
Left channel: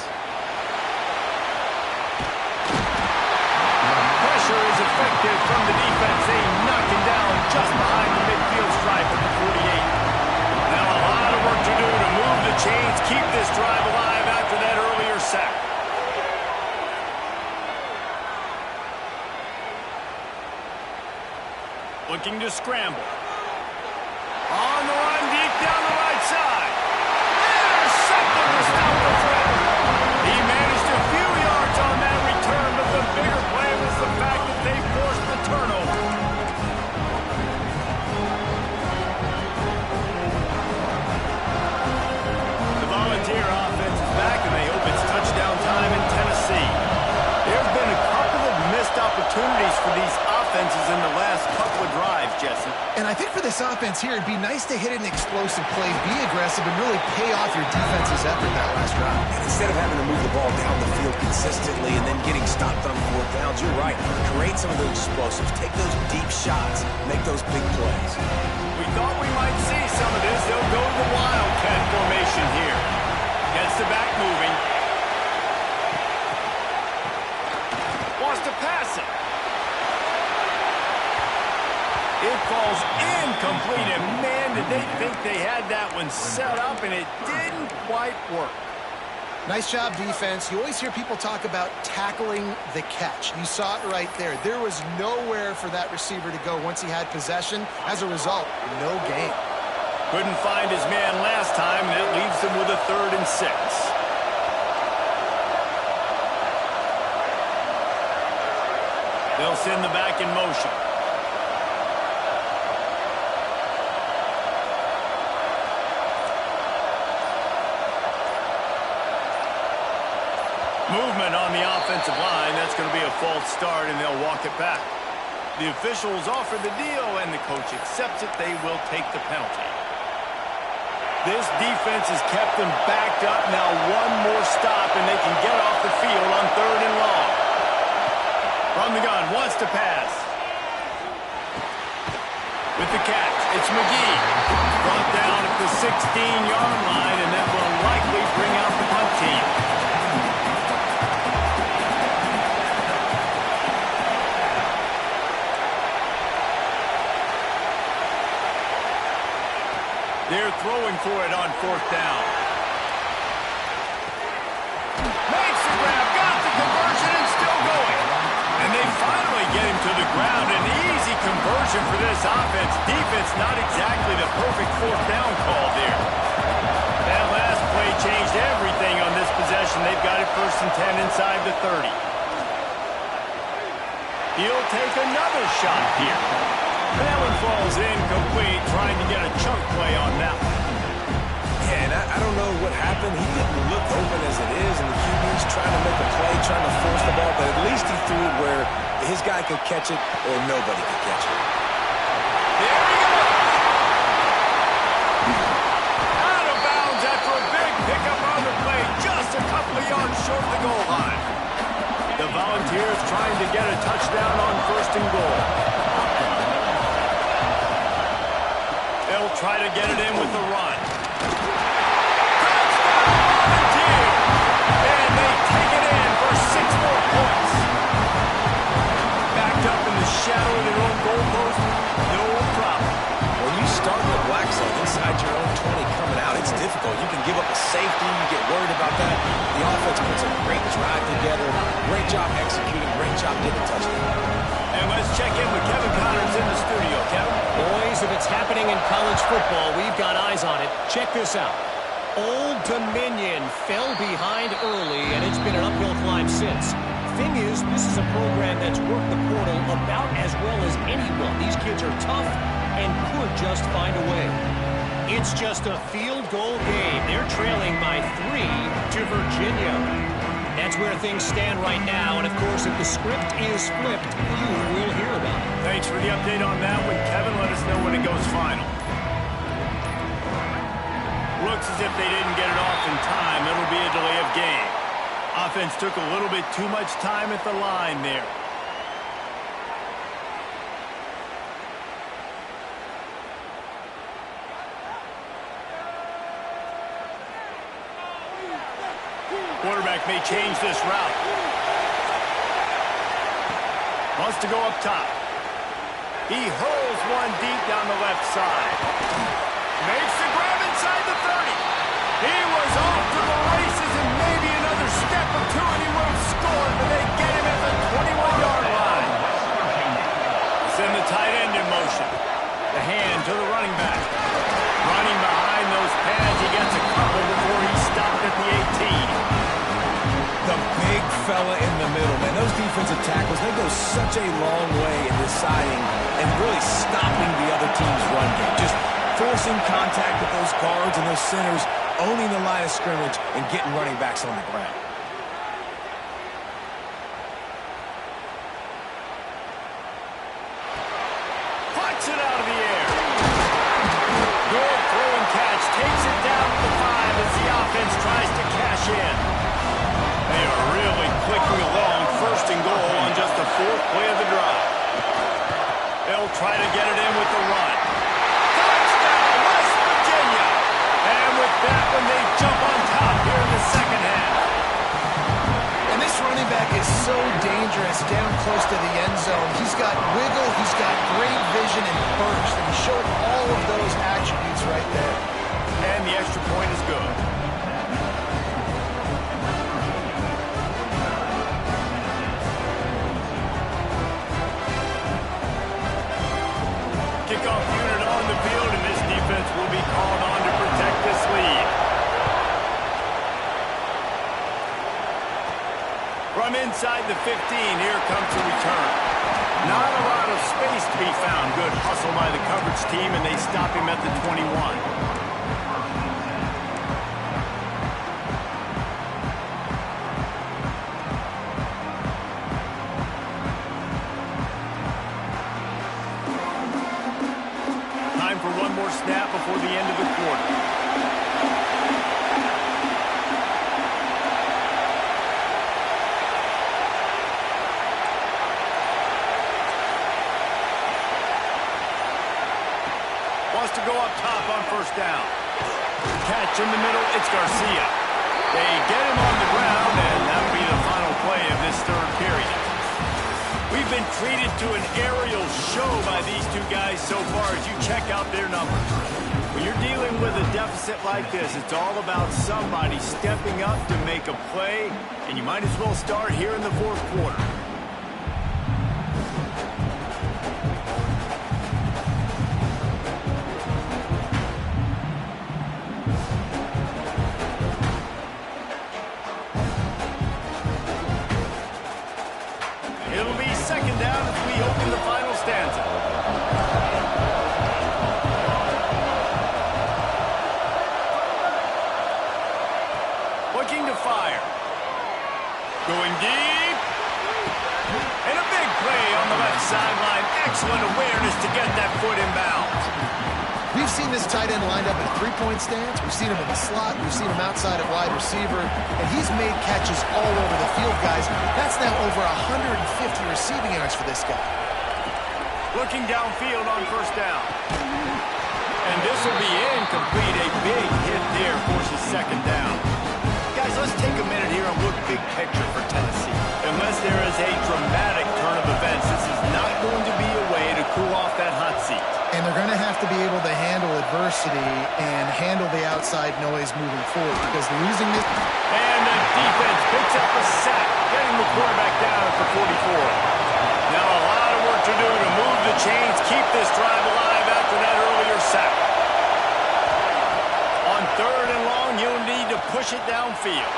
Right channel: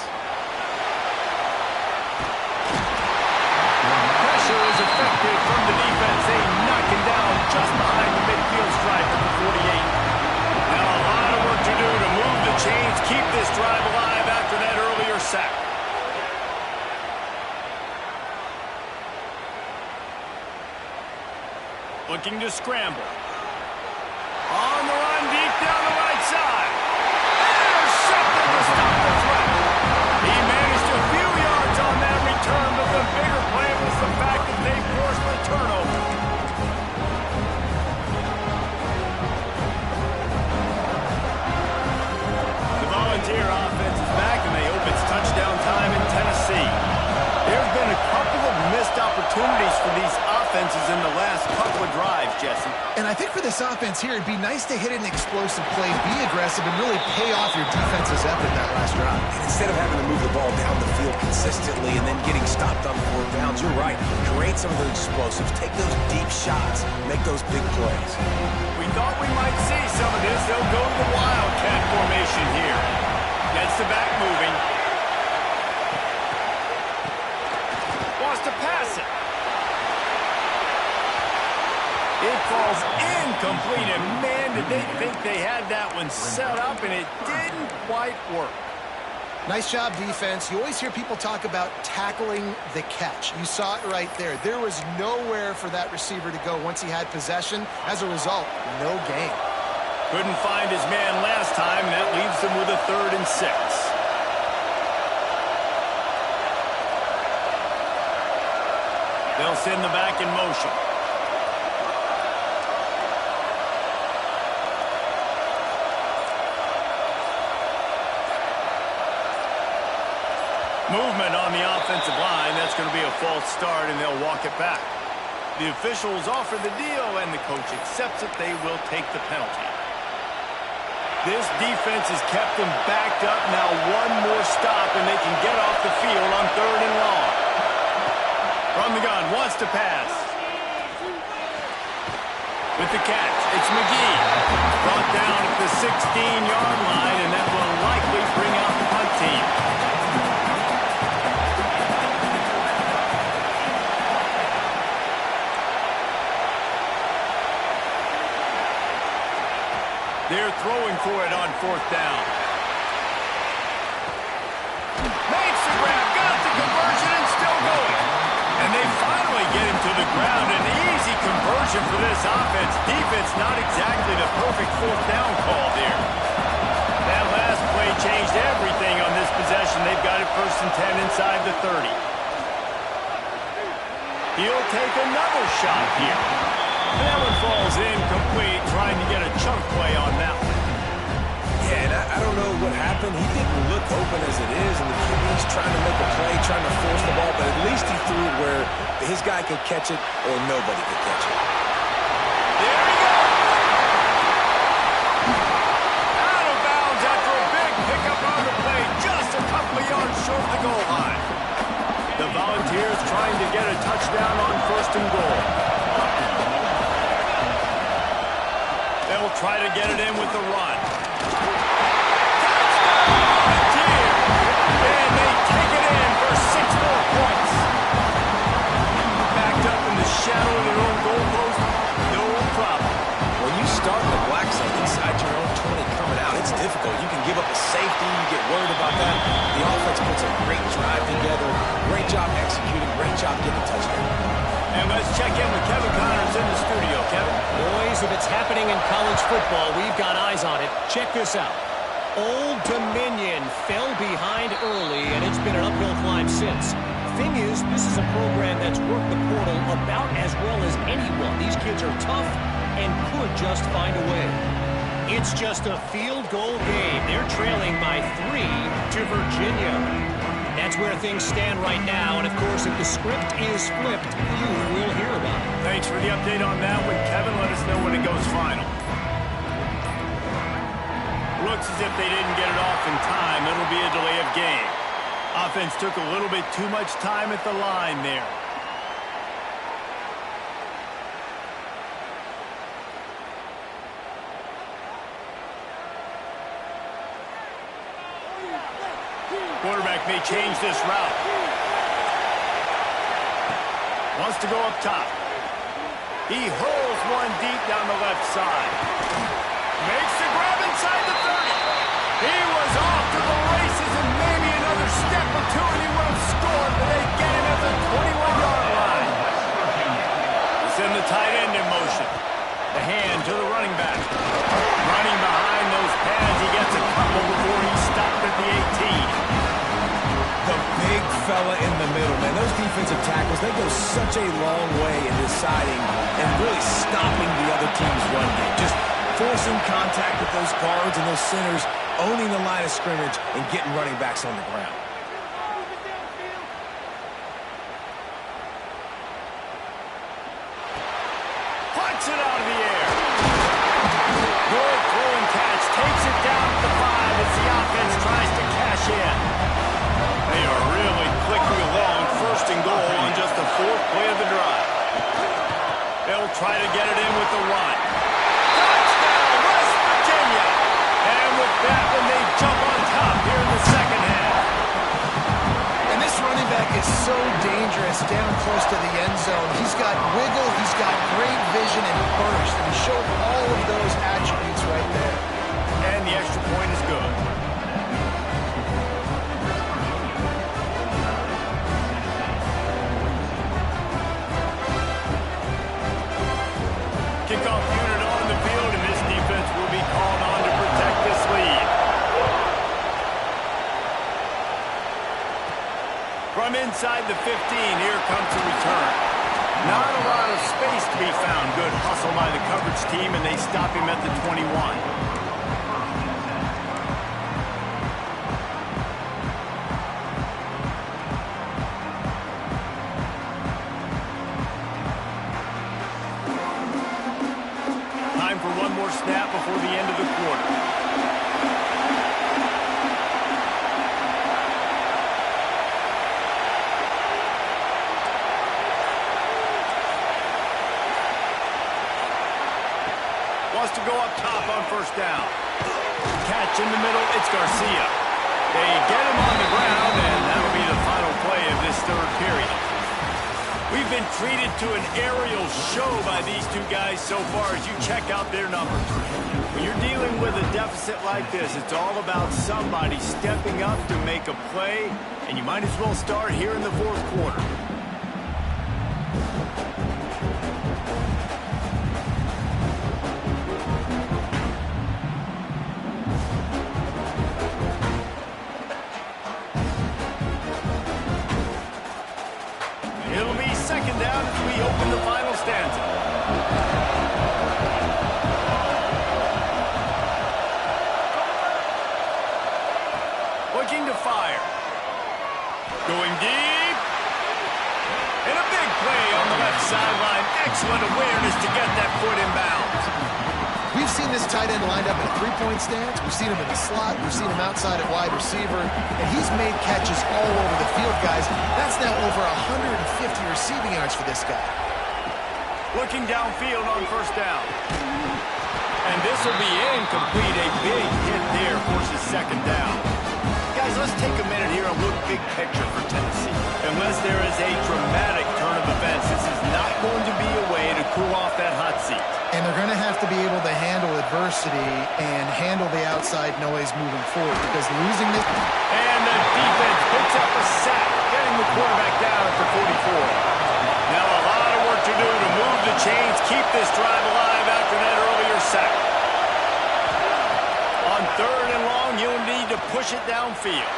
Pressure is effective from the defense. They knock him down just behind the midfield stripe at the 48. Now a lot of work to do to move the chains, keep this drive alive after that earlier sack. Looking to scramble. On the run, deep down the right side. Intercepted to stop the threat. He managed a few yards on that return, but the bigger play was the fact that they forced the turnover. The Volunteer offense is back, and they hope it's touchdown time in Tennessee. There have been a couple of missed opportunities for these offenses in the last couple of drives, Jesse. And I think for this offense here, it'd be nice to hit an explosive play, be aggressive, and really pay off your defense's effort that last drive. And instead of having to move the ball down the field consistently and then getting stopped on 4th downs, you're right. Create some of those explosives. Take those deep shots. Make those big plays. We thought we might see some of this. They'll go to the Wildcat formation here. Gets the back moving. Wants to pass it. It falls incomplete, and man, did they think they had that one set up, and it didn't quite work. Nice job, defense. You always hear people talk about tackling the catch. You saw it right there. There was nowhere for that receiver to go once he had possession. As a result, no gain. Couldn't find his man last time, and that leaves them with a 3rd and 6. They'll send the back in motion. Movement on the offensive line. That's going to be a false start, and they'll walk it back. The officials offer the deal, and the coach accepts it. They will take the penalty. This defense has kept them backed up. Now one more stop, and they can get off the field on 3rd and long. From the gun, wants to pass. With the catch, it's McGee. Brought down at the 16-yard line, and that will likely bring out the punt team. They're throwing for it on 4th down. Makes the grab, got the conversion, and still going. And they finally get him to the ground. An easy conversion for this offense. Defense not exactly the perfect 4th down call there. That last play changed everything on this possession. They've got it 1st and 10 inside the 30. He'll take another shot here. That one falls incomplete, trying to get a chunk play on that one. Yeah, and I don't know what happened. He didn't look open as it is, and the QB's trying to make a play, trying to force the ball, but at least he threw it where his guy could catch it or nobody could catch it. There he goes! Out of bounds after a big pickup on the play, just a couple of yards short of the goal line. The Volunteers trying to get a touchdown on 1st and goal. They'll try to get it in with the run. Touchdown, Volunteers! And they take it in for 6 more points. Backed up in the shadow of their own goalpost, no problem. When you start in the black zone inside your own 20 coming out, it's difficult. You can give up a safety. You get worried about that. The offense puts a great drive together. Great job executing. Great job getting a touchdown. And let's check in with Kevin Connors in the studio. Kevin? Boys, if it's happening in college football, we've got eyes on it. Check this out. Old Dominion fell behind early, and it's been an uphill climb since. Thing is, this is a program that's worked the portal about as well as anyone. These kids are tough and could just find a way. It's just a field goal game. They're trailing by 3 to Virginia. That's where things stand right now, and of course, if the script is flipped, you will hear about it. Thanks for the update on that one, Kevin. Let us know when it goes final. Looks as if they didn't get it off in time. It'll be a delay of game. Offense took a little bit too much time at the line there. Quarterback may change this route. Wants to go up top. He hurls one deep down the left side. Makes the grab inside the 30. He was off to the races, and maybe another step or two and he would have scored, but they get him at the 21-yard line. Send the tight end in motion. The hand to the running back. Running behind those pads, he gets a couple before he stopped at the 18. The big fella in the middle, man. Those defensive tackles, they go such a long way in deciding and really stopping the other team's run game. Just forcing contact with those guards and those centers, owning the line of scrimmage, and getting running backs on the ground. Puts it out of the air. Good throw and catch. Takes it down to the 5 as the offense tries to cash in. They are really clicking along, 1st and goal on just the 4th play of the drive. They'll try to get it in with the run. Touchdown, West Virginia! And with that one, they jump on top here in the second half. And this running back is so dangerous down close to the end zone. He's got wiggle, he's got great vision and burst, and he showed all of those attributes right there. And the extra point is good. Kickoff unit on the field, and this defense will be called on to protect this lead. From inside the 15, here comes the return. Not a lot of space to be found. Good hustle by the coverage team, and they stop him at the 21. more snap before the end of the quarter. Wants to go up top on first down. Catch in the middle, it's Garcia. They get him on the ground, and that'll be the final play of this third period. We've been treated to an aerial show by these two guys so far as you check out their numbers. When you're dealing with a deficit like this, it's all about somebody stepping up to make a play, and you might as well start here in the fourth quarter. It'll be second down as we open the final stanza. Looking to fire. Going deep. And a big play on the left sideline. Excellent awareness to get that foot in bounds. We've seen this tight end lined up in a three-point stance. We've seen him in the slot. We've seen him outside at wide receiver. And he's made catches all over the field, guys. That's now over 150 receiving yards for this guy. Looking downfield on first down. And this will be incomplete. A big hit there forces second down. Guys, let's take a minute here and look big picture for Tennessee. Unless there is a dramatic turn of events, this is not going to be a way to cool off that hot seat. And they're going to have to be able to handle adversity and handle the outside noise moving forward, because losing this... And the defense picks up a sack, getting the quarterback down at the 44. Now a lot of work to do to move the chains, keep this drive alive after that earlier sack. On third and long, you'll need to push it downfield.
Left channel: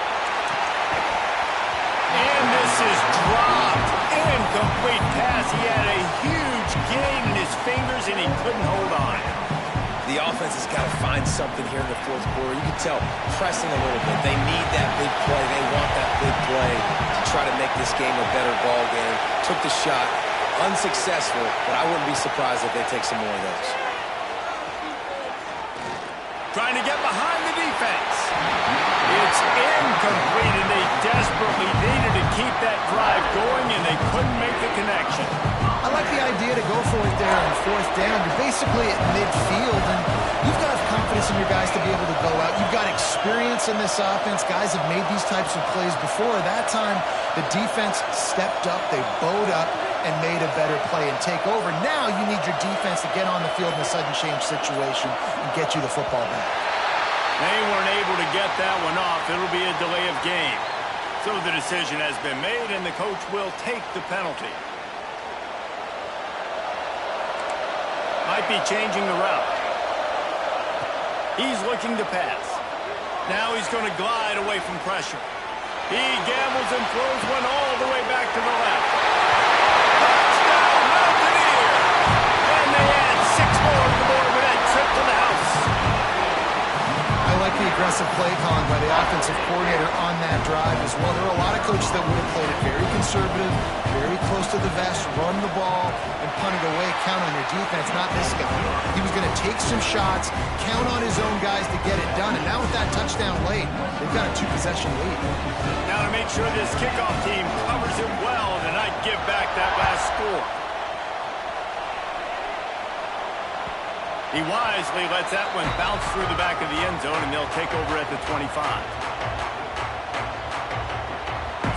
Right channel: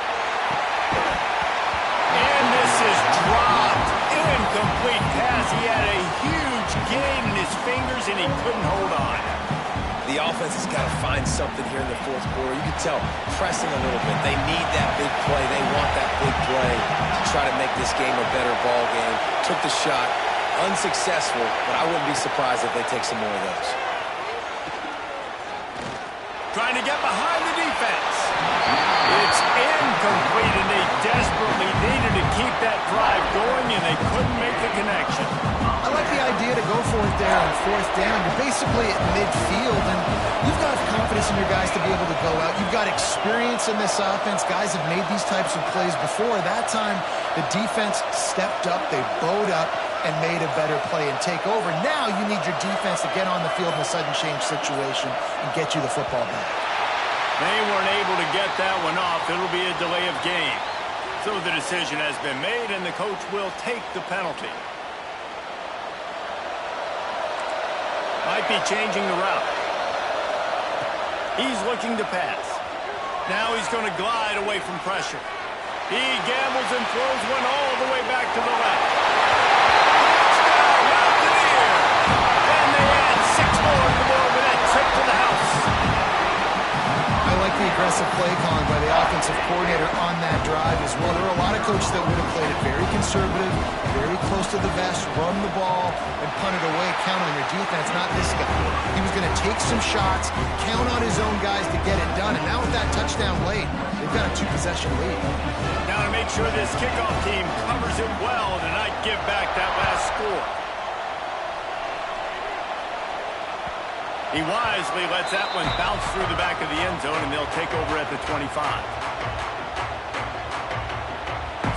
And this is dropped. Incomplete pass. He had a huge gain in his fingers, and he couldn't hold on. The offense has got to find something here in the fourth quarter. You can tell pressing a little bit. They need that big play. They want that big play to try to make this game a better ball game. Took the shot. Unsuccessful, but I wouldn't be surprised if they take some more of those. Trying to get behind the defense. It's incomplete, and they desperately needed to keep that drive going, and they couldn't make the connection. I like the idea to go for it there on fourth down. You're basically at midfield, and you've got confidence in your guys to be able to go out. You've got experience in this offense. Guys have made these types of plays before. That time, the defense stepped up. They bowed up and made a better play and take over. Now you need your defense to get on the field in a sudden change situation and get you the football back. They weren't able to get that one off. It'll be a delay of game. So the decision has been made, and the coach will take the penalty. Might be changing the route. He's looking to pass. Now he's going to glide away from pressure. He gambles and throws one all the way back to the left. Touchdown, Mountaineer! And they add 6 more to the board with that trip to the house. I like the aggressive play calling by the offensive coordinator on that drive as well. There are a lot of coaches that would have played it very conservative, very close to the vest, run the ball, and punt it away, count on your defense, not this guy. He was going to take some shots, count on his own guys to get it done, and now with that touchdown late, they've got a 2-possession lead. Now to make sure this kickoff team covers it well and not give back that last score. He wisely lets that one bounce through the back of the end zone, and they'll take over at the 25.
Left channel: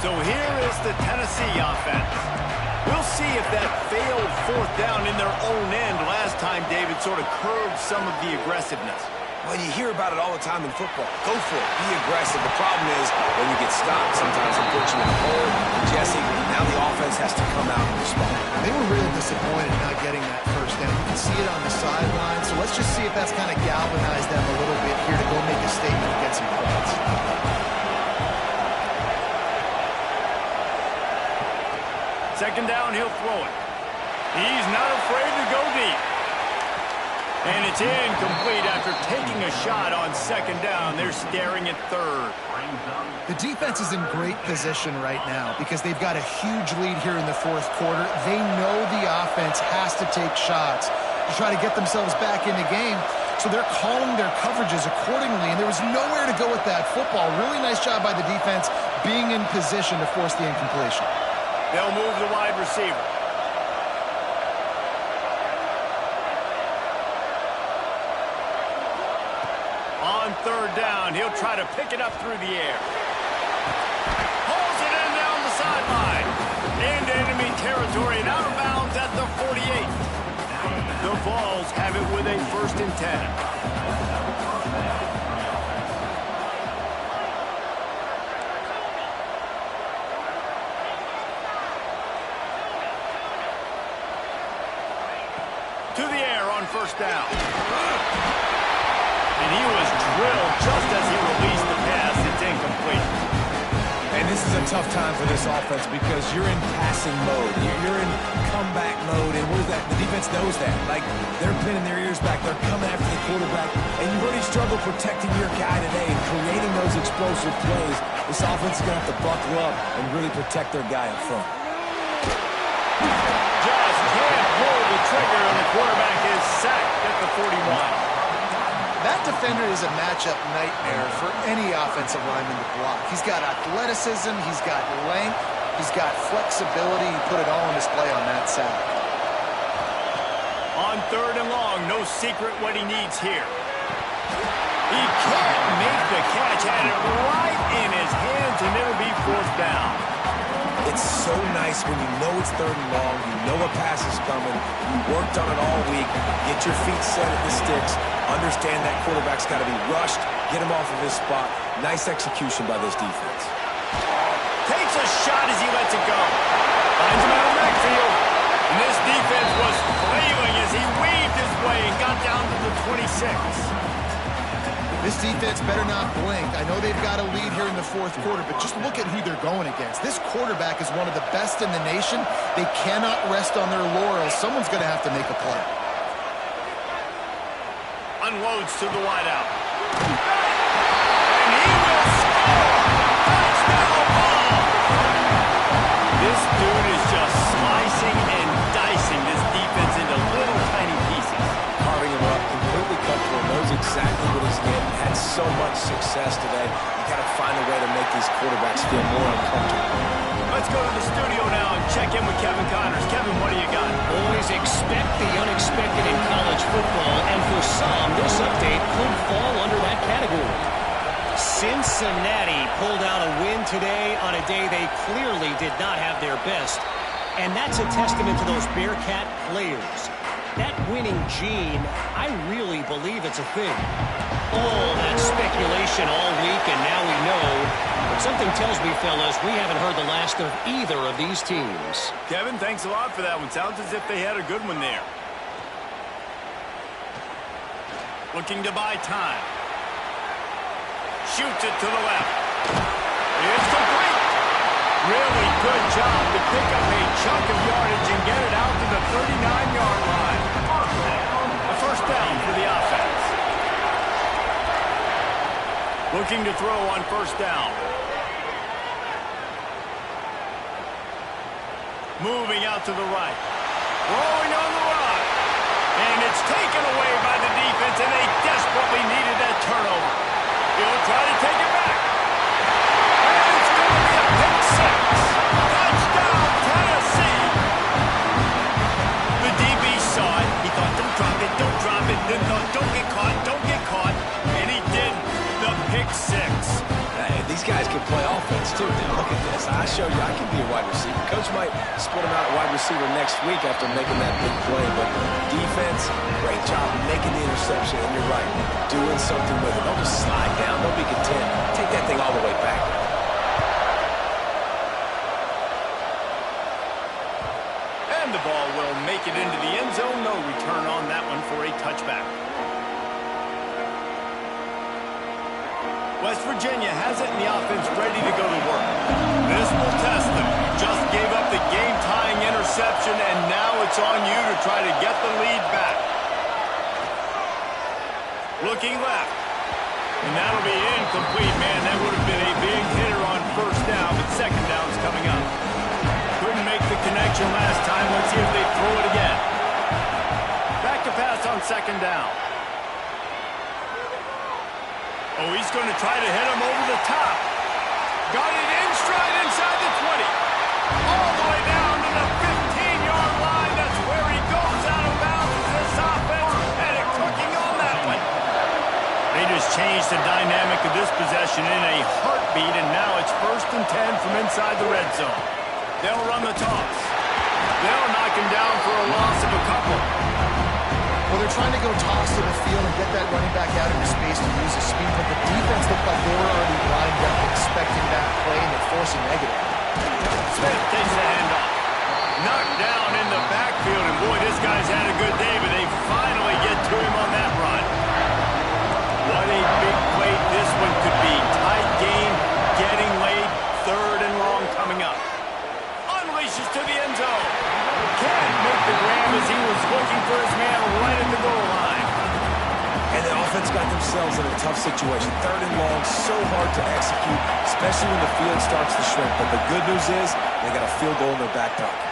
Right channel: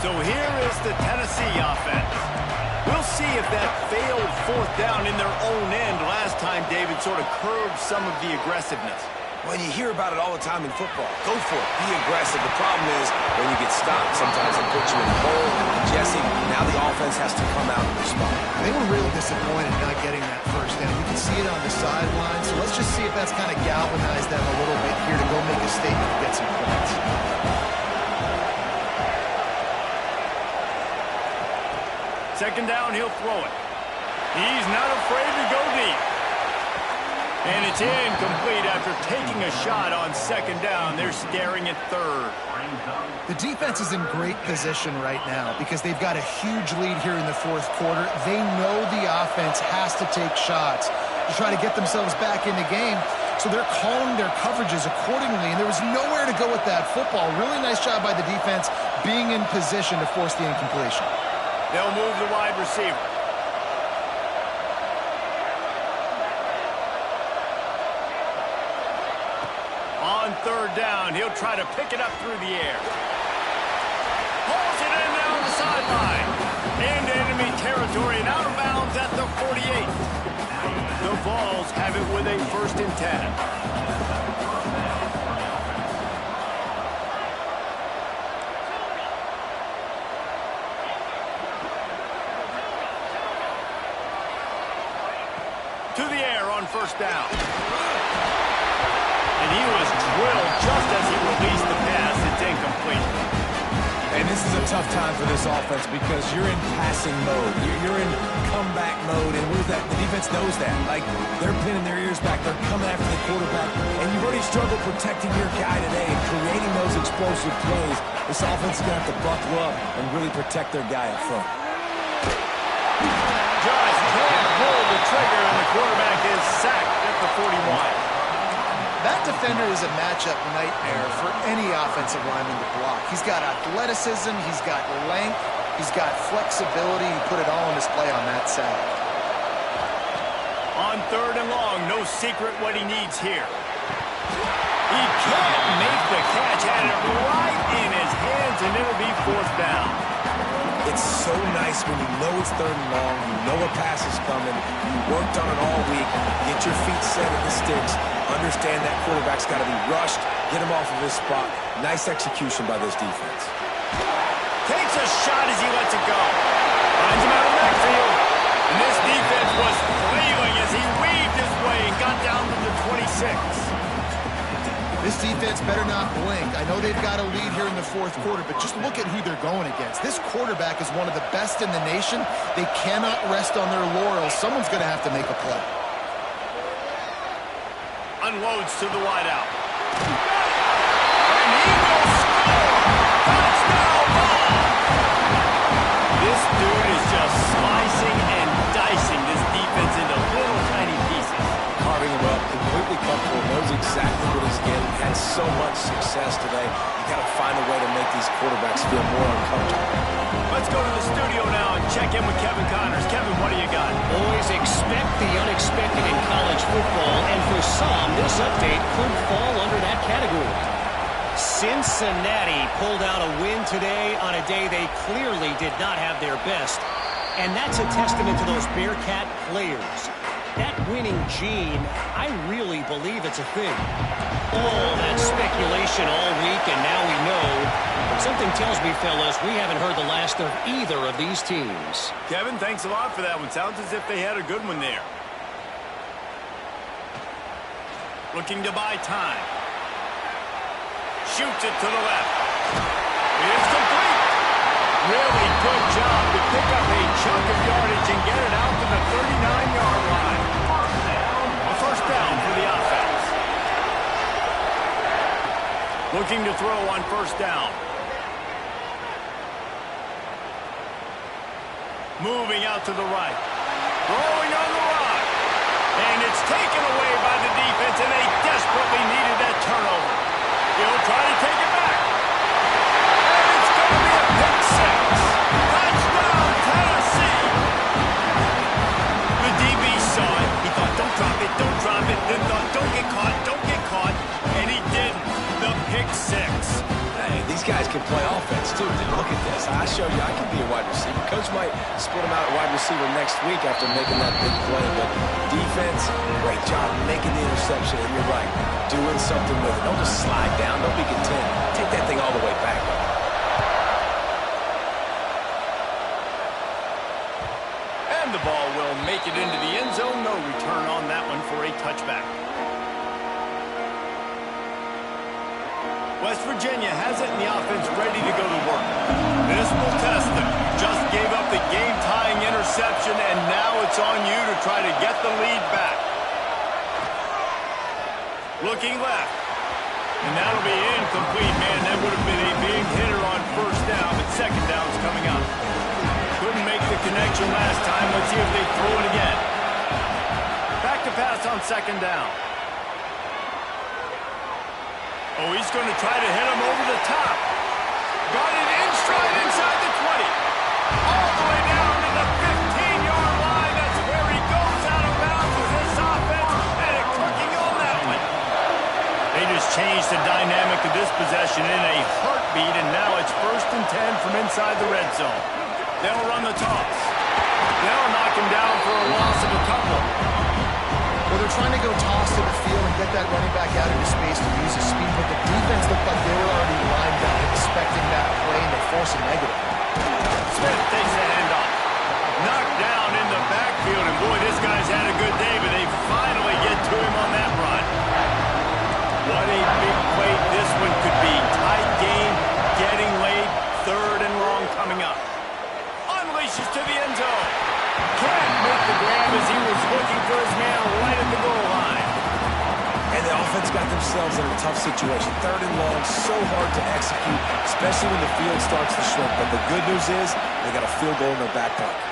So here is the Tennessee offense. We'll see if that failed fourth down in their own end last time, David, sort of curbed some of the aggressiveness. Well, you hear about it all the time in football. Go for it. Be aggressive. The problem is when you get stopped, sometimes it puts you in a hole. And Jesse, now the offense has to come out and respond. They were real disappointed not getting that first down. You can see it on the sideline. So let's just see if that's kind of galvanized them a little bit here to go make a statement and get some points. Second down, he'll throw it. He's not afraid to go deep. And it's incomplete after taking a shot on second down. They're staring at third. The defense is in great position right now because they've got a huge lead here in the fourth quarter. They know the offense has to take shots to try to get themselves back in the game. so they're calling their coverages accordingly, and there was nowhere to go with that football. Really nice job by the defense being in position to force the incompletion. They'll move the wide receiver. On third down, he'll try to pick it up through the air. Pulls it in down the sideline. Into enemy territory and out of bounds at the 48. The Vols have it with a 1st and 10. To the air on 1st down. And he was drilled just as he released the pass. It's incomplete. And this is a tough time for this offense because you're in passing mode. You're in comeback mode. And what is that? The defense knows that. Like, they're pinning their ears back. They're coming after the quarterback. And you've already struggled protecting your guy today and creating those explosive plays. This offense is going to have to buckle up and really protect their guy up front. Just can't pull the trigger, and the quarterback is sacked at the 41. That defender is a matchup nightmare for any offensive lineman to block. He's got athleticism, he's got length, he's got flexibility. He put it all on display on that sack. On 3rd and long, no secret what he needs here. He can't make the catch, had it right in his hands, and it'll be 4th down. It's so nice when you know it's 3rd and long, you know a pass is coming, you worked on it all week, get your feet set at the sticks, understand that quarterback's got to be rushed, get him off of his spot. Nice execution by this defense. Takes a shot as he lets it go. Finds him out of the backfield. And this defense was flailing as he weaved his way and got down to the 26. This defense better not blink. I know they've got a lead here in the 4th quarter, but just look at who they're going against. This quarterback is one of the best in the nation. They cannot rest on their laurels. Someone's going to have to make a play. Unloads to the wideout. And he will score! Touchdown ball! This dude is just slicing and dicing this defense into little tiny pieces. Carving him up, completely comfortable, knows exactly what he's getting, had so much success today. You got to find a way to make these quarterbacks feel more uncomfortable. Let's go to the studio now and check in with Kevin Connors. Kevin, what do you got? Always expect the unexpected in college football, and for some, this update could fall under that category. Cincinnati pulled out a win today on a day they clearly did not have their best, and that's a testament to those Bearcat players. That winning gene, I really believe it's a thing. All that speculation all week, and now we know. But something tells me, fellas, we haven't heard the last of either of these teams. Kevin, thanks a lot for that one. Sounds as if they had a good one there. Looking to buy time. Shoots it to the left. It's complete. Really good job to pick up a chunk of yardage and get it out to the 39-yard line. A 1st down for the offense. Looking to throw on 1st down. Moving out to the right. Throwing on the run. And it's taken away by the defense, and they desperately needed that turnover. He'll try to take it back. And it's going to be a pick 6. Touchdown, Tennessee. The DB saw it. He thought, don't drop it, don't drop it. Then thought, don't get caught, don't get caught. And he didn't. The pick 6. Hey, these guys can play offense, too. Dude, look at this. I show you I can be a wide receiver. Coach might split him out at wide receiver next week after making that big play. But defense, great job making the interception. And you're right, doing something with it. Don't just slide down. Don't be content. Take that thing all the way back. And the ball will make it into the end zone. No return on that one for a touchback. West Virginia has it, and the offense ready to go to work. This will test them. Just gave up the game-tying interception, and now it's on you to try to get the lead back. Looking left. And that'll be incomplete. Man, that would have been a big hitter on 1st down, but 2nd down's coming up. Couldn't make the connection last time. Let's see if they throw it again. Back to pass on 2nd down. Oh, he's going to try to hit him over the top. Got it in stride inside the 20. All the way down to the 15-yard line. That's where he goes out of bounds as this offense had it cooking on that one. They just changed the dynamic of this possession in a heartbeat, and now it's 1st and 10 from inside the red zone. They'll run the toss. They'll knock him down for a loss of a couple. Well, they're trying to go toss to the field and get that running back out into space to use his speed, but the defense looked like they were already lined up expecting that play, and they force a negative. Smith takes the handoff. Knocked down in the backfield, and boy, this guy's had a good day, but they finally get to him on that run. What a big play this one could be. Tight game, getting late, 3rd and long coming up. Unleashes to the end zone. Can't make the grab as he was looking for his man right at the goal line. And the offense got themselves in a tough situation. 3rd and long, so hard to execute, especially when the field starts to shrink. But the good news is they got a field goal in their back pocket.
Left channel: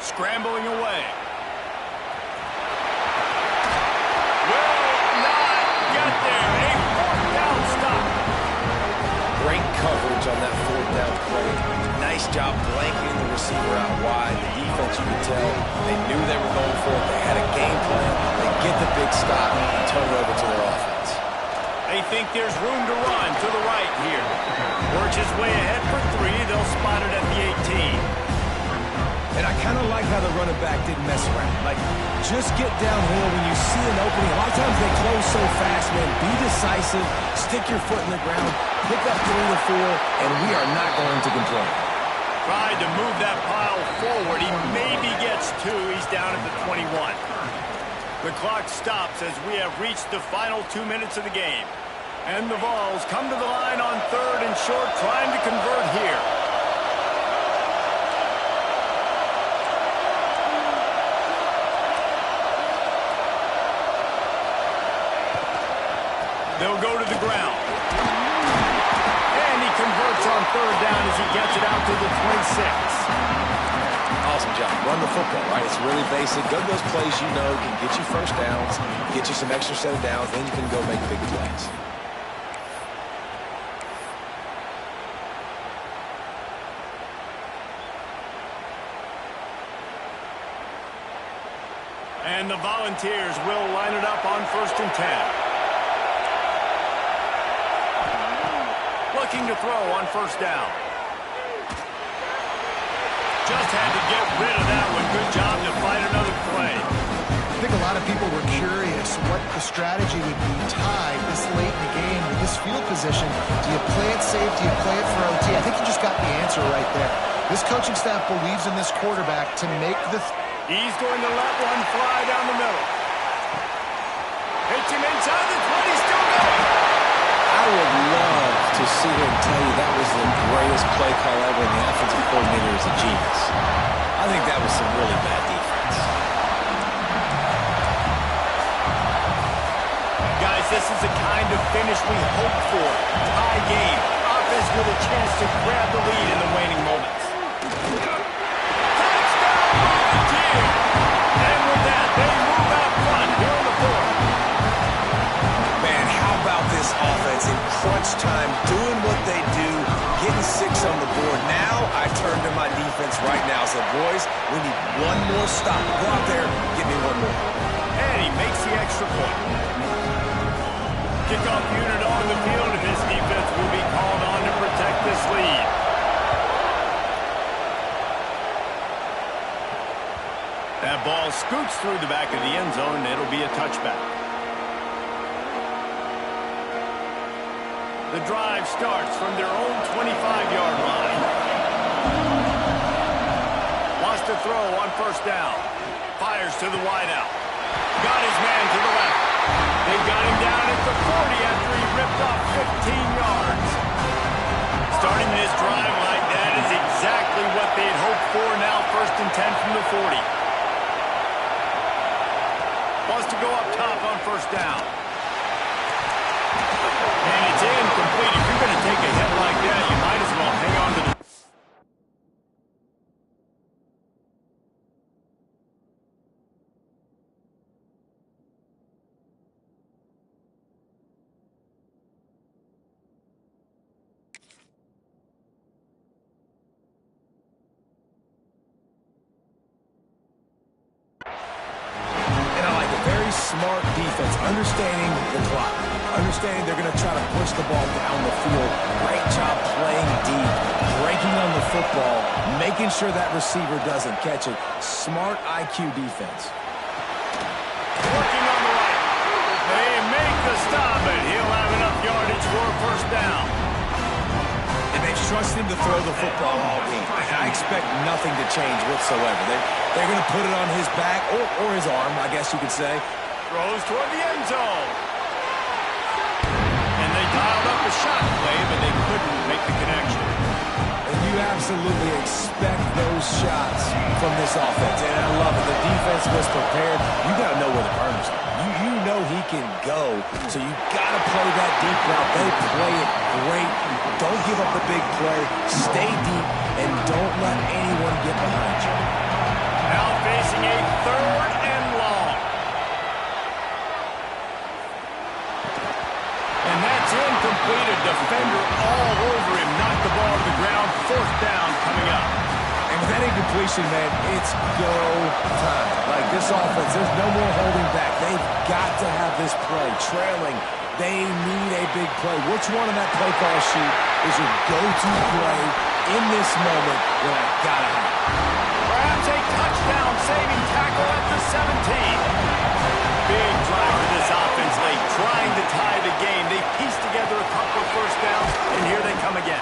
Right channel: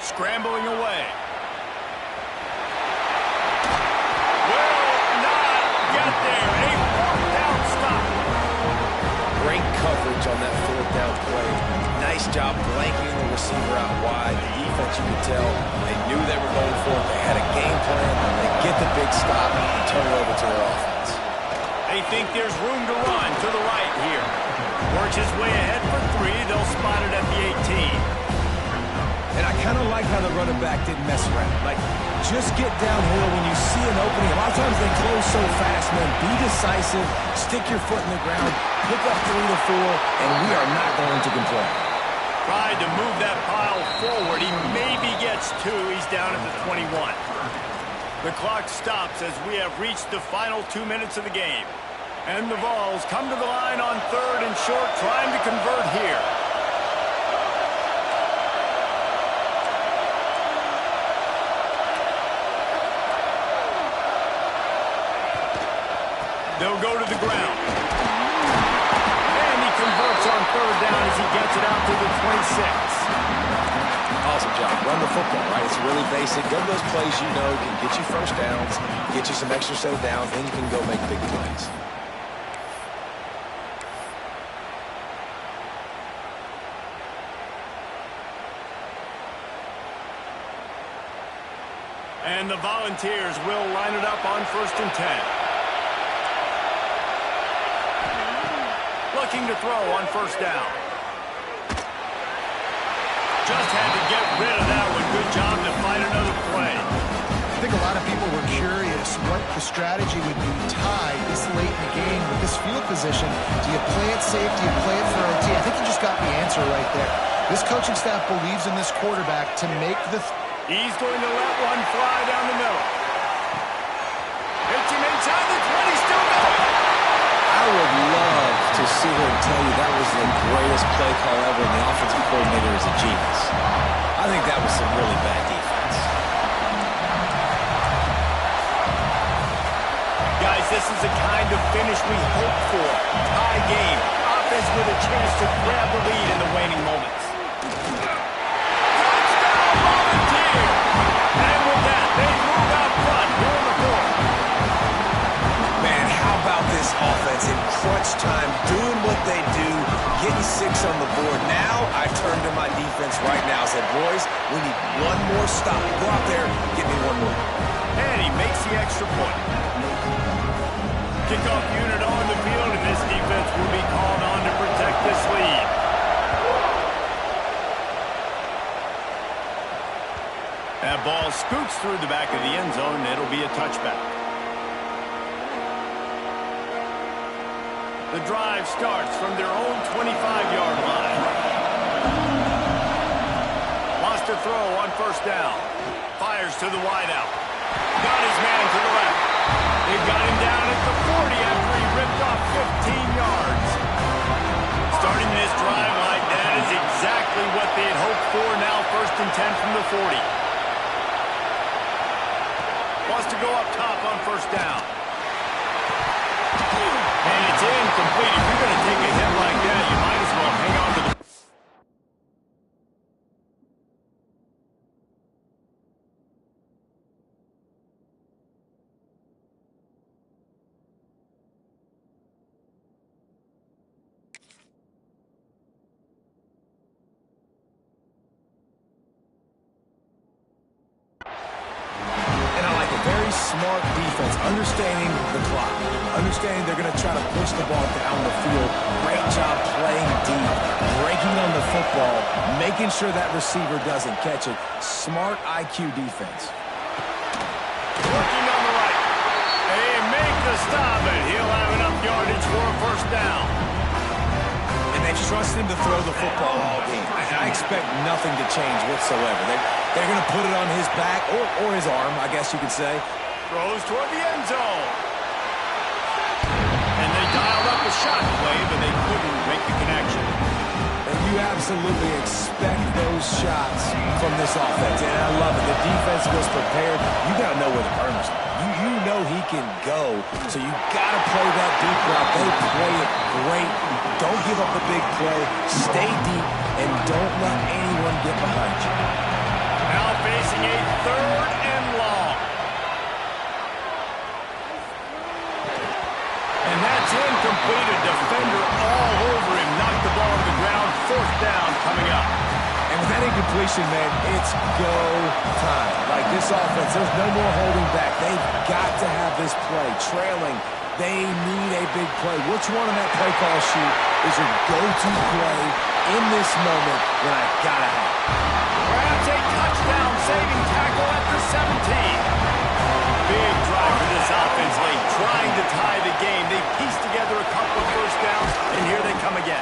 Scrambling away. Will not get there. A 4th down stop. Great coverage on that 4th down play. Nice job blanketing the receiver out wide. The defense, you could tell, they knew they were going for it. They had a game plan. They get the big stop and turn it over to their offense. They think there's room to run to the right here. Works his way ahead for 3. They'll spot it at the 18. And I kind of like how the running back didn't mess around. Like, just get downhill when you see an opening. A lot of times they close so fast, man. Be decisive, stick your foot in the ground, pick up 3 to 4, and we are not going to complain. Tried to move that pile forward. He maybe gets 2. He's down at the 21. The clock stops as we have reached the final 2 minutes of the game. And the Vols come to the line on 3rd and short, trying to convert here. They'll go to the ground. And he converts on 3rd down as he gets it out to the 26. Awesome job. Run the football, right? It's really basic. Go to those plays you know can get you 1st downs, get you some extra set of downs, then you can go make big plays. And the Volunteers will line it up on 1st and 10. Looking to throw on 1st down. Just had to get rid of that one. Good job to fight another play. I think a lot of people were curious what the strategy would be tied this late in the game with this field position. Do you play it safe? Do you play it for OT? I think you just got the answer right there. This coaching staff believes in this quarterback to make the... He's going to let one fly down the middle. Hits him inside the 20, still going. I would love to sit here and tell you that was the greatest play call ever, and the offensive coordinator is a genius. I think that was some really bad defense. Guys, this is the kind of finish we hope for. Tie game. Offense with a chance to grab the lead in the waning moments. Touchdown, Volunteer! And with that, they move out front here in the 4th. Man, how about this offense in crunch time, doing what they do, getting 6 on the board. Now I turn to my defense right now and said, boys, we need one more stop. Go out there, get me one more. And he makes the extra point. Kickoff unit on the field, and this defense will be called on to protect this lead. That ball scoots through the back of the end zone, and it'll be a touchback. The drive starts from their own 25-yard line. Wants to throw on 1st down. Fires to the wideout. Got his man to the left. They've got him down at the 40 after he ripped off 15 yards. Starting this drive like that is exactly what they had hoped for. Now 1st and 10 from the 40. Wants to go up top on 1st down. And it's incomplete. If you're going to take a hit like that, you might as well hang on to the... And I like a very smart defense, understanding the clock, understanding they're going to try to push the ball down the field. Great job playing deep, breaking on the football, making sure that receiver doesn't catch it. Smart IQ defense. Working on the right. They make the stop, and he'll have enough yardage for a first down. And they've trusted him to throw the football all game. I expect nothing to change whatsoever. They're going to put it on his back or his arm, I guess you could say. Throws toward the end zone. And they dialed up a shot play, but they couldn't make the connection. And you absolutely expect those shots from this offense. And I love it. The defense was prepared. You got to know where the burners are. You know he can go, so you got to play that deep route. They play it great. Don't give up the big play. Stay deep, and don't let anyone get behind you. Now facing a 3rd and long. And that's incomplete. A defender all over him. Knocked the ball to the ground. 4th down coming up. And with that incompletion, man, it's go time. Like this offense, there's no more holding back. They've got to have this play. Trailing, they need a big play. Which one on that play call sheet is your go-to play in this moment when I got to have it? Perhaps a touchdown-saving tackle at the 17. Big drive for this offense late, trying to tie the game. They pieced together a couple of first downs, and here they come again.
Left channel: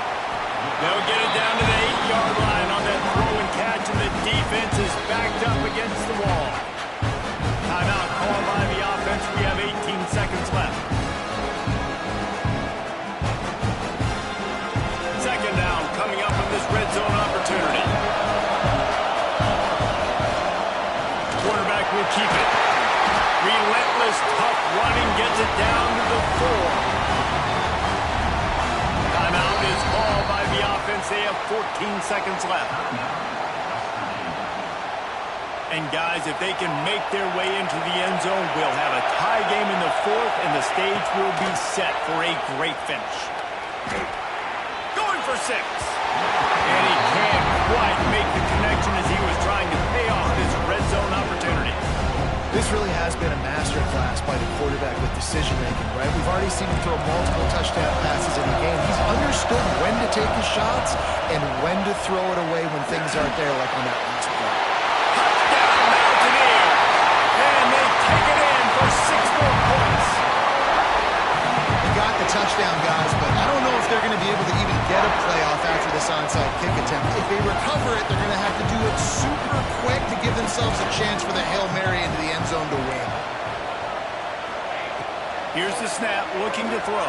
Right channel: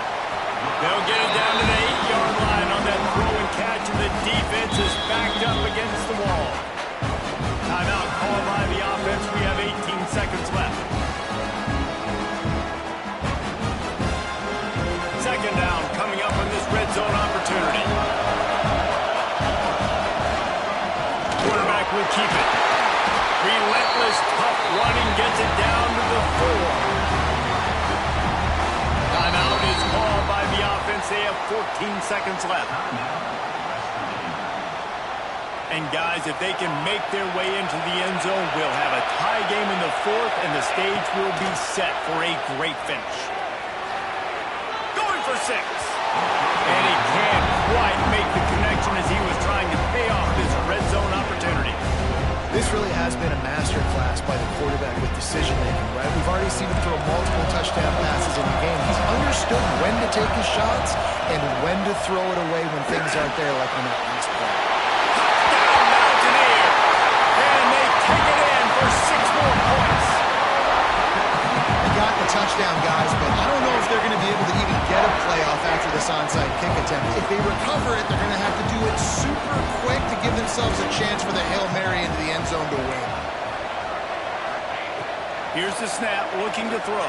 They'll get it down to the 8-yard line on that throw and catch, and the defense is backed up against the wall. Timeout called by the offense. We have 18 seconds left. 2nd down coming up on this red zone opportunity. Quarterback will keep it. Relentless, tough running, gets it down to the 4. Timeout is called by the offense. They have 14 seconds left. And guys, if they can make their way into the end zone, we'll have a tie game in the 4th, and the stage will be set for a great finish. Going for 6. And he can't quite make the connection as he was trying to pay off this red zone opportunity. This really has been a masterclass by the quarterback with decision-making, right? We've already seen him throw multiple touchdown passes in the game. He's understood when to take his shots and when to throw it away when things aren't there, like on that last play. Touchdown, Mountaineers! And they take it in for 6 more points. They got the touchdown, guys, but I don't know if they're going to be able to even get a playoff after this onside kick attempt. If they recover it, they're going to have to do it super quick to give themselves a chance for the Hail Mary into the end zone to win. Here's the snap, looking to throw.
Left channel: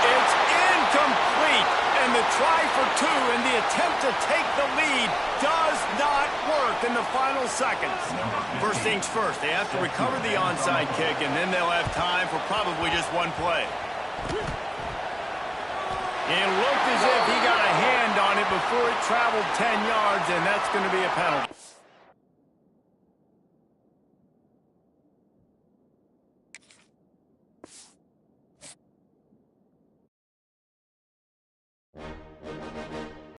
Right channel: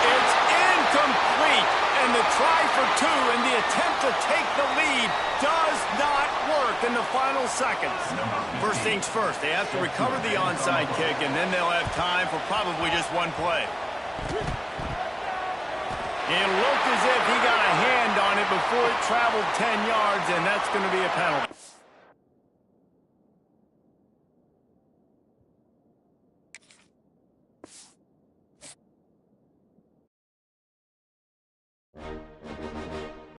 It's incomplete. And the try for 2 and the attempt to take the lead does not work in the final seconds. First things first, they have to recover the onside kick, and then they'll have time for probably just one play. It looked as if he got a hand on it before it traveled 10 yards, and that's going to be a penalty.